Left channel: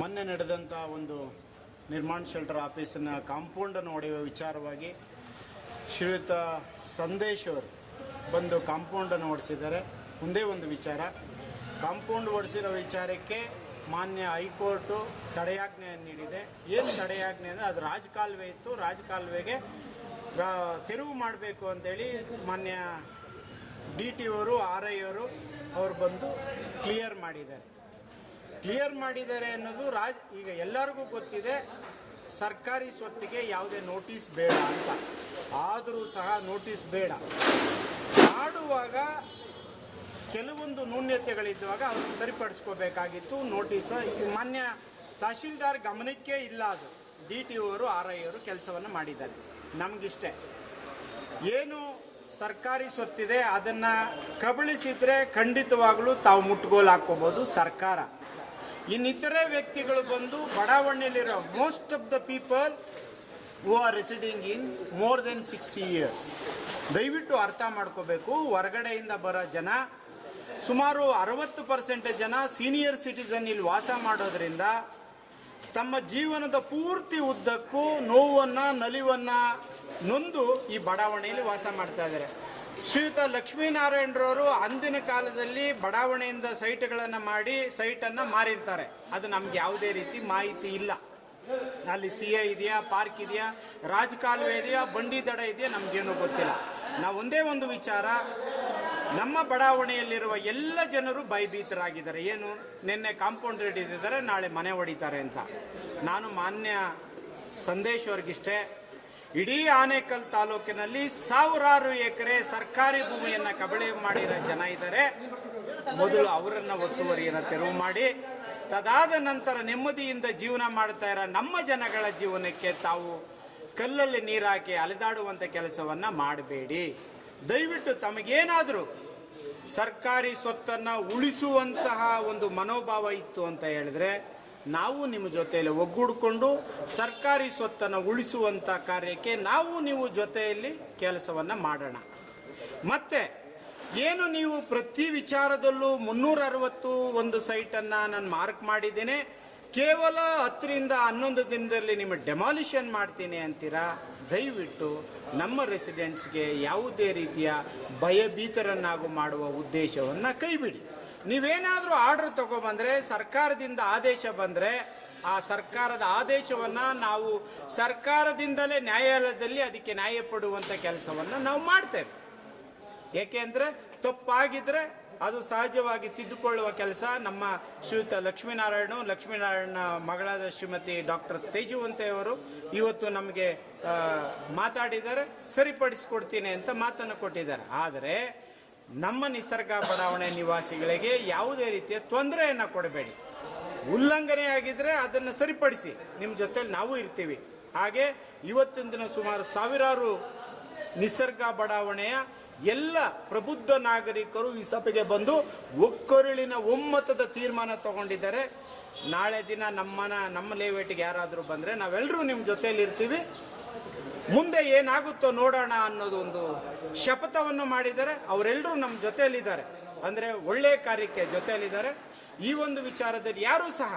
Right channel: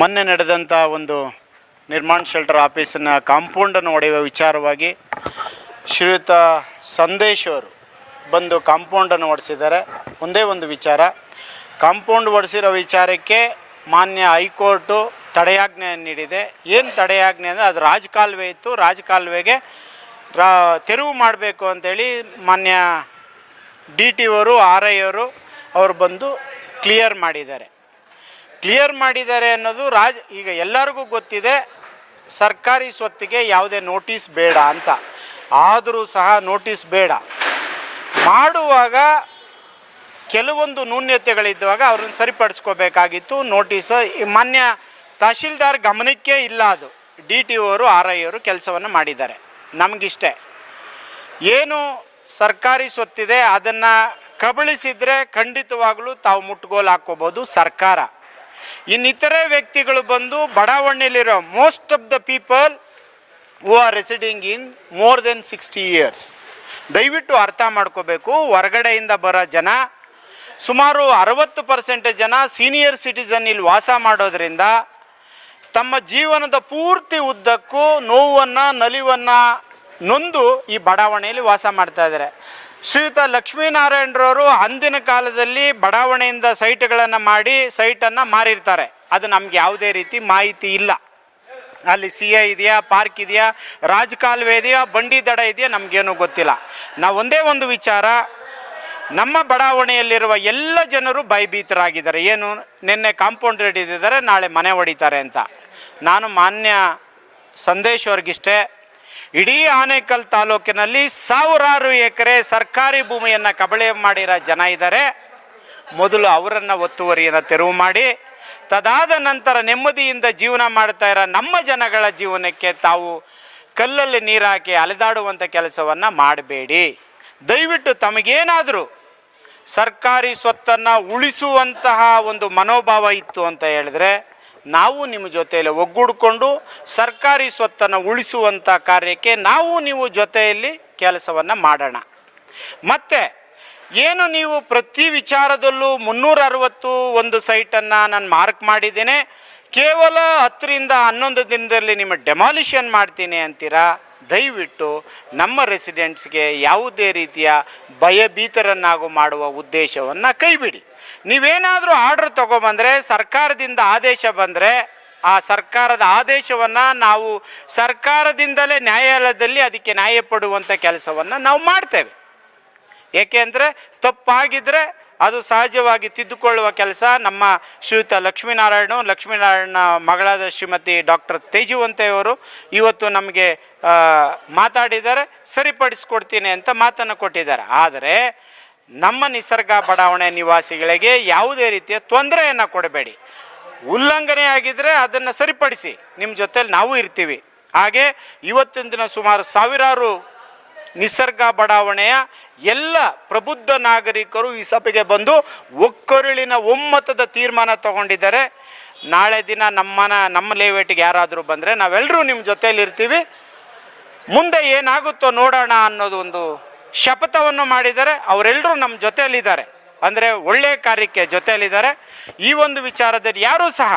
ಮೊನ್ನೆ ನಡೆದಂಥ ಒಂದು ನಿರ್ಮಾಣ ಶೆಲ್ಟರ್ ಆಫೀಸಿನ ಕಾಂಪೌಂಡನ್ನು ಒಡೆಯುವ ವಿಚಾರವಾಗಿ ಶ್ರೀಯುತ ಸಂದೇಶ್ ಅವರು ಬಂದು ಕಾಂಪೌಂಡನ್ನು ಒಡಿಸಿದ್ದಾರೆ. ಒಂದೇ ಒಂದು ವಿಚಾರ. ಕಾಂಪೌಂಡ್ ಒಡಿಸಿರೋ ವಿಚಾರಕ್ಕೆ ಮಾನ್ಯ ಹೈಕೋರ್ಟು ತಡೆಯಾಜ್ಞೆ ನೀಡಿದೆ. ಏನು ತಡೆಯಾಜ್ಞೆ ಅಂದರೆ ಅದು ರಾಜಕಾಲುವೆ ಇತ್ತು. ರಾಜಕಾಲುವೆಗೆ ರಾ, ತೆರವು ಮಾಡಬೇಕು ಅಂತೇಳಿ ಮಾನ್ಯ ಡಿ ಟಿ ಅವರು, ಆರ್ ಐ ಅವರು ಅವರು ಬಂದು ಕ್ಲಿಯರ್ ಮಾಡಿದ್ದಾರೆ. ಕ್ಲಿಯರ್ ಮಾಡಿದ್ದಾರೆ ಅನ್ನೋದು ರಾಜ್, ಈಗ ಎಲ್ಲರಿಗೂ ಗೊತ್ತಿದೆ, ಸರ್ಕಾರಿ ಸ್ವತ್ತಿಗೆ ಯಾವುದೇ ನೋಟಿಸ್ ಬೇಡ ಅಂತ. ಆದರೂ ಸಹ ನೋಟಿಸ್ ಬೇಡ. ಮಾಡುವಾಗ ಕೆಲವೊಂದು ನ್ಯೂನ್ಯತೆಗಳಿದ್ದಾಗ ಅವ್ರನ್ನ ಸರಿಪಡಿಸ್ಕೋಬೇಕಾಗಿತ್ತು. ನೋಟಿಸ್ ಮಾನ್ಯ ತಹಶೀಲ್ದಾರ್ ಗಮನಕ್ಕೆ ಇಲ್ಲ ಅದು. ಡಿ ಟಿ ಅವರು ಆರ್ ಐ ಅವರು ಕೆಲಸವನ್ನು ಮಾಡಿದ್ದಾರೆ. ನಮಗಿಷ್ಟೇ. ಏನು ಸರ್ಕಾರಿ ಸ್ವತ್ತಿದೆ, ಅದನ್ನು ಕಬಳಿಸಿದರೆ ಖಂಡಿತವಾಗಲೂ ತಾವು ಮುಟ್ಗೋಲು ಹಾಕ್ಕೋಬೋದು ಸರ್ಕಾರ. ಇನ್ನಿತರೆ ವ್ಯಕ್ತಿಗಳು ಬಂದು ಬಡಾವಣೆಯಲ್ಲಿರೋ most of the people who are residing in more than sixty years ದಯವಿಟ್ಟು ಅರ್ಥ ಮಾಡ್ಕೋಬೇಕು, ಹೊರಗಡೆಯಿಂದ ಬರೋ ಜನ, ಸುಮಾರು ಅರವತ್ತು ಪರ್ಸೆಂಟ್ ಜನ ಸೀನಿಯರ್ ಸಿಟಿಸನ್ ಇಲ್ಲಿ ವಾಸ ಮಾಡೋದ್ರಿಂದ ತಮ್ಮ ಜೀವನದ ಪೂರ್ತಿ ಉದ್ದಕ್ಕೂ ನೋವನ್ನು, ನಲಿವನ್ನು ನೊಂದು ಈ ಬಡಾವಣೆಯಲ್ಲಿ ವಾಸ ಮಾಡ್ತಾ ಇದ್ದಾರೆ. ಶ್ರೀಯುತ ಲಕ್ಷ್ಮೀನಾರಾಯಣರವರು ಅಂದಿನ ಕಾಲದಲ್ಲಿ ಬಡಾವಣೆಯಿಂದ ಸೈಟ್ಗಳನ್ನು ಮಾಡಿ ಸೈಟನ್ನು ಮಾರಿರ್ತಾರೆ. ಅದು ನಮ್ಗೆ ಯಾವುದೇ ರೀತಿ ಮಾಹಿತಿ ಇಲ್ಲ. ಅಲ್ಲಿ ಸಿ ಐ ಇದೆಯಾ, ಪಾರ್ಕ್ ಇದೆಯಾ, ರಾಜಕಾಲುವೆ ಇದೆಯಾ, ಬಂಡಿ ದಡ ಇದೆಯಾ ನಮಗೇನು ಗೊತ್ತಿಲ್ಲ. ನಾವು ಒಂದೇ ಒಂದು ವಿಚಾರ, ನಮ್ಮ ಬಡಾವಣೆಯಲ್ಲಿರುವ ಎಲ್ಲ ಜನರು ಭಯಭೀತರಾಗಿದ್ದಾರೆ. ಏನು, ನಿನ್ನೆ ಕಾಂಪೌಂಡ್ ಹಿಡಿದಿದ್ದಾರೆ ನಾಳೆ ಮನೆ ಹೊಡಿತಾರೆ ಅಂತ. ನಾನು ಮಾನ್ಯ ಸಂದೇಶ್ ಅವ್ರಿಗಿಷ್ಟೇ ಇಡೀ ಆನೇಕಲ್ ತಾಲೂಕಿನಲ್ಲಿ ಸಾವಿರಾರು ಎಕರೆ ಸರ್ಕಾರಿ ಭೂಮಿಯನ್ನು ಕಬಳೆ ಮಾಡಿರೋ ಜನ ಇದ್ದಾರೆ ಮೊದಲು ಅವರನ್ನು ಒತ್ತುವರಿಯನ್ನು ತೆರವು ಮಾಡಿ, ತದಾದ ನಂತರ ನೆಮ್ಮದಿಯಿಂದ ಜೀವನ ಮಾಡ್ತಾ ಇರೋ ನಮ್ಮ ಜನಗಳ ಜೀವನಕ್ಕೆ ತಾವು ಕಲ್ಲಲ್ಲಿ ನೀರಾಕಿ ಅಲೆದಾಡುವಂಥ ಕೆಲಸವನ್ನು ಮಾಡಬೇಡಿ. ದಯವಿಟ್ಟು ತಮಗೇನಾದರೂ ಸರ್ಕಾರಿ ಸ್ವತ್ತನ್ನು ಉಳಿಸುವಂತಹ ಒಂದು ಮನೋಭಾವ ಇತ್ತು ಅಂತ ಹೇಳಿದ್ರೆ ನಾವು ನಿಮ್ಮ ಜೊತೆಯಲ್ಲಿ ಒಗ್ಗೂಡಿಕೊಂಡು ಸರ್ಕಾರಿ ಸ್ವತ್ತನ್ನು ಉಳಿಸುವಂಥ ಕಾರ್ಯಕ್ಕೆ ನಾವು ನೀವು ಜೊತೆಯಲ್ಲಿ ಕೆಲಸವನ್ನು ಮಾಡೋಣ. ಮತ್ತು ಏನು ನೀವು ಪ್ರತಿ ವಿಚಾರದಲ್ಲೂ ಮುನ್ನೂರ ಅರವತ್ತು ಒಂದು ಸೈಟನ್ನು ನಾನು ಮಾರ್ಕ್ ಮಾಡಿದ್ದೇನೆ. ಕೇವಲ ಹತ್ತರಿಂದ ಹನ್ನೊಂದು ದಿನದಲ್ಲಿ ನಿಮ್ಮ ಡೆಮಾಲಿಷನ್ ಮಾಡ್ತೀನಿ ಅಂತೀರಾ? ದಯವಿಟ್ಟು ನಮ್ಮ ರೆಸಿಡೆಂಟ್ಸ್ಗೆ ಯಾವುದೇ ರೀತಿಯ ಭಯಭೀತರನ್ನಾಗೂ ಮಾಡುವ ಉದ್ದೇಶವನ್ನು ಕೈಬಿಡಿ. ನೀವೇನಾದರೂ ಆರ್ಡ್ರ್ ತೊಗೊಬಂದರೆ, ಸರ್ಕಾರದಿಂದ ಆದೇಶ ಬಂದರೆ, ಆ ಸರ್ಕಾರದ ಆದೇಶವನ್ನು ನಾವು ಸರ್ಕಾರದಿಂದಲೇ ನ್ಯಾಯಾಲಯದಲ್ಲಿ ಅದಕ್ಕೆ ನ್ಯಾಯ ಪಡುವಂಥ ಕೆಲಸವನ್ನು ನಾವು ಮಾಡ್ತೇವೆ. ಏಕೆಂದರೆ ತಪ್ಪಾಗಿದ್ದರೆ ಅದು ಸಹಜವಾಗಿ ತಿದ್ದುಕೊಳ್ಳುವ ಕೆಲಸ ನಮ್ಮ ಶ್ರೀಯುತ ಲಕ್ಷ್ಮೀನಾರಾಯಣ ಲಕ್ಷ್ಮೀನಾರಾಯಣ ಮಗಳಾದ ಶ್ರೀಮತಿ ಡಾಕ್ಟರ್ ತೇಜುವಂತೆಯವರು ಇವತ್ತು ನಮಗೆ ಮಾತಾಡಿದ್ದಾರೆ, ಸರಿಪಡಿಸ್ಕೊಡ್ತೀನಿ ಅಂತ ಮಾತನ್ನು ಕೊಟ್ಟಿದ್ದಾರೆ. ಆದರೆ ನಮ್ಮ ನಿಸರ್ಗ ಬಡಾವಣೆ ನಿವಾಸಿಗಳಿಗೆ ಯಾವುದೇ ರೀತಿಯ ತೊಂದರೆಯನ್ನು ಕೊಡಬೇಡಿ. ಉಲ್ಲಂಘನೆ ಆಗಿದ್ದರೆ ಅದನ್ನು ಸರಿಪಡಿಸಿ. ನಿಮ್ಮ ಜೊತೆಲಿ ನಾವು ಇರ್ತೀವಿ. ಹಾಗೆ ಇವತ್ತಿನ ದಿನ ಸುಮಾರು ಸಾವಿರಾರು ನಿಸರ್ಗ ಬಡಾವಣೆಯ ಎಲ್ಲ ಪ್ರಬುದ್ಧ ನಾಗರಿಕರು ಈ ಸಭೆಗೆ ಬಂದು ಒಕ್ಕರುಳಿನ ಒಮ್ಮತದ ತೀರ್ಮಾನ ತಗೊಂಡಿದ್ದಾರೆ. ನಾಳೆ ದಿನ ನಮ್ಮನ, ನಮ್ಮ ಲೇವೇಟಿಗೆ ಯಾರಾದರೂ ಬಂದರೆ ನಾವೆಲ್ಲರೂ ನಿಮ್ಮ ಜೊತೆಯಲ್ಲಿ ಇರ್ತೀವಿ. ಮುಂದೆ ಏನಾಗುತ್ತೋ ನೋಡೋಣ ಅನ್ನೋದು ಒಂದು ಶಪಥವನ್ನು ಮಾಡಿದ್ದಾರೆ ಅವರೆಲ್ಲರೂ ನಮ್ಮ ಜೊತೆಯಲ್ಲಿದ್ದಾರೆ. ಅಂದರೆ ಒಳ್ಳೆಯ ಕಾರ್ಯಕ್ಕೆ ಜೊತೆಯಲ್ಲಿದ್ದಾರೆ. ಈ ಒಂದು ವಿಚಾರದಲ್ಲಿ ಯಾರೂ ಸಹ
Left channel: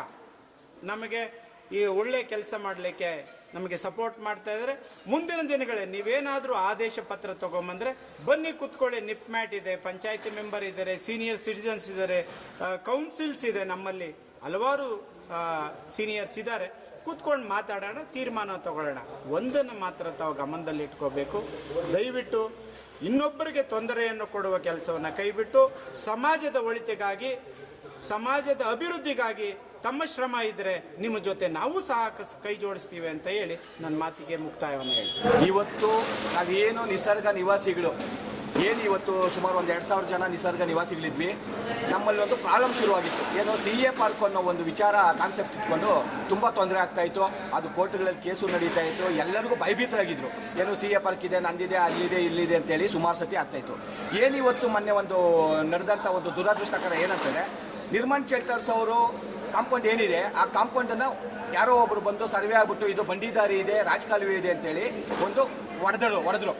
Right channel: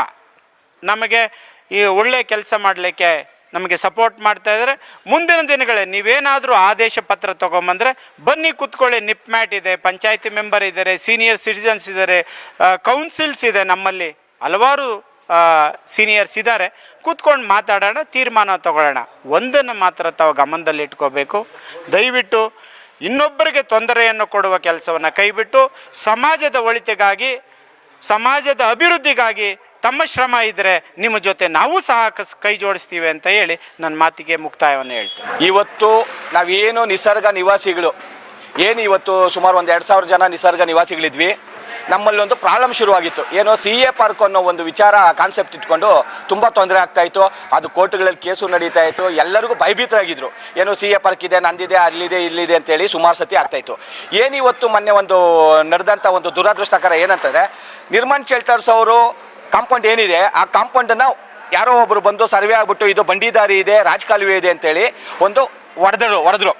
ನಮಗೆ ಈ ಒಳ್ಳೆಯ ಕೆಲಸ ಮಾಡಲಿಕ್ಕೆ ನಮಗೆ ಸಪೋರ್ಟ್ ಮಾಡ್ತಾ ಇದ್ದಾರೆ. ಮುಂದಿನ ದಿನಗಳಲ್ಲಿ ನೀವೇನಾದರೂ ಆದೇಶ ಪತ್ರ ತೊಗೊಂಬಂದರೆ ಬನ್ನಿ ಕೂತ್ಕೊಳ್ಳಿ, ನಿಪ್ ಮ್ಯಾಟ್ ಇದೆ, ಪಂಚಾಯತಿ ಮೆಂಬರ್ ಇದ್ದಾರೆ ಸೀನಿಯರ್ ಸಿಟಿಜನ್ಸ್ ಇದ್ದಾರೆ ಕೌನ್ಸಿಲ್ಸ್ ಇದೆ ನಮ್ಮಲ್ಲಿ. ಹಲವಾರು ಸೀನಿಯರ್ಸ್ ಇದ್ದಾರೆ. ಕೂತ್ಕೊಂಡು ಮಾತಾಡೋಣ, ತೀರ್ಮಾನ ತಗೊಳ್ಳೋಣ. ಒಂದನ್ನು ಮಾತ್ರ ತಾವು ಗಮನದಲ್ಲಿ ಇಟ್ಕೋಬೇಕು ದಯವಿಟ್ಟು ಇನ್ನೊಬ್ಬರಿಗೆ ತೊಂದರೆಯನ್ನು ಕೊಡುವ ಕೆಲಸವನ್ನು ಕೈಬಿಟ್ಟು ಸಮಾಜದ ಒಳಿತಿಗಾಗಿ, ಸಮಾಜದ ಅಭಿವೃದ್ಧಿಗಾಗಿ ತಮ್ಮ ಶ್ರಮ ಇದ್ದರೆ ನಿಮ್ಮ ಜೊತೆ ನಾವು ಸಹ ಕೈ ಜೋಡಿಸ್ತೀವಿ ಅಂತ ಹೇಳಿ ನನ್ನ ಮಾತಿಗೆ ಮುಕ್ತಾಯವನ್ನು ಹೇಳ್ತೀನಿ. ಇವತ್ತು ನಾವೇನು ನಿಸರ್ಗ ನಿವಾಸಿಗಳು, ಏನು ಇವತ್ತು ಸುಮಾರು ಒಂದು ಎರಡು ಸಾವಿರ ಜನ ನಿಸರ್ಗ ನಿವಾಸಿಗಳಿದ್ವಿ. ನಮ್ಮಲ್ಲಿ ಒಂದು ಪ್ರಾಬ್ಲಮ್ ಶುರುವಾಗಿತ್ತು. ಏನೋ ಸಿ ಎ ಪಾರ್ಕ್ ಅನ್ನೋ ಒಂದು ವಿಚಾರ ಕಾನ್ಸೆಪ್ಟ್ ಇಟ್ಕೊಂಡು ತುಂಬ ತೊಂದರೆ ಆಗ್ತಾ ಇತ್ತು. ಅದು ಕೋರ್ಟ್ಗಳಲ್ಲಿ ಕೇಸು ನಡೀತಾ ಇತ್ತು. ಎಲ್ಲರಿಗೂ ಭಯಭೀತರಾಗಿದ್ರು. ಏನೋ ಸಿ ಎ ಪಾರ್ಕ್ ಇದೆ, ನಂದಿದೆ, ಅಲ್ಲಿದೆ, ಇಲ್ಲಿದೆ ಅಂತೇಳಿ ಸುಮಾರು ಸತಿ ಆಗ್ತಾ ಇತ್ತು. ಏನು ಇವತ್ತು ಮೊನ್ನೆ ಒಂದು ನಡೆದಂಥ ಒಂದು ದುರಾದೃಷ್ಟಕರ ಏನಂತಂದರೆ, ನಿರ್ಮಾನ್ ಶೆಲ್ಟರ್ಸ್ ಅವರು ಕಾಂಪೌಂಡ್ ಏನಿದೆ, ಆ ಕಾಂಪೌಂಡನ್ನು ಯಾರೋ ಒಬ್ಬರು ಬಂದು ಸರ್ವೆ ಆಗಿಬಿಟ್ಟು, ಇದು ಬಂಡಿದಾರಿ ಇದೆ, ರಾಜಕಾಲುವೆ ಇದೆ ಅಂತೇಳಿ ಒಂದು ಒಡೆದರು, ಒಡೆದ್ರು.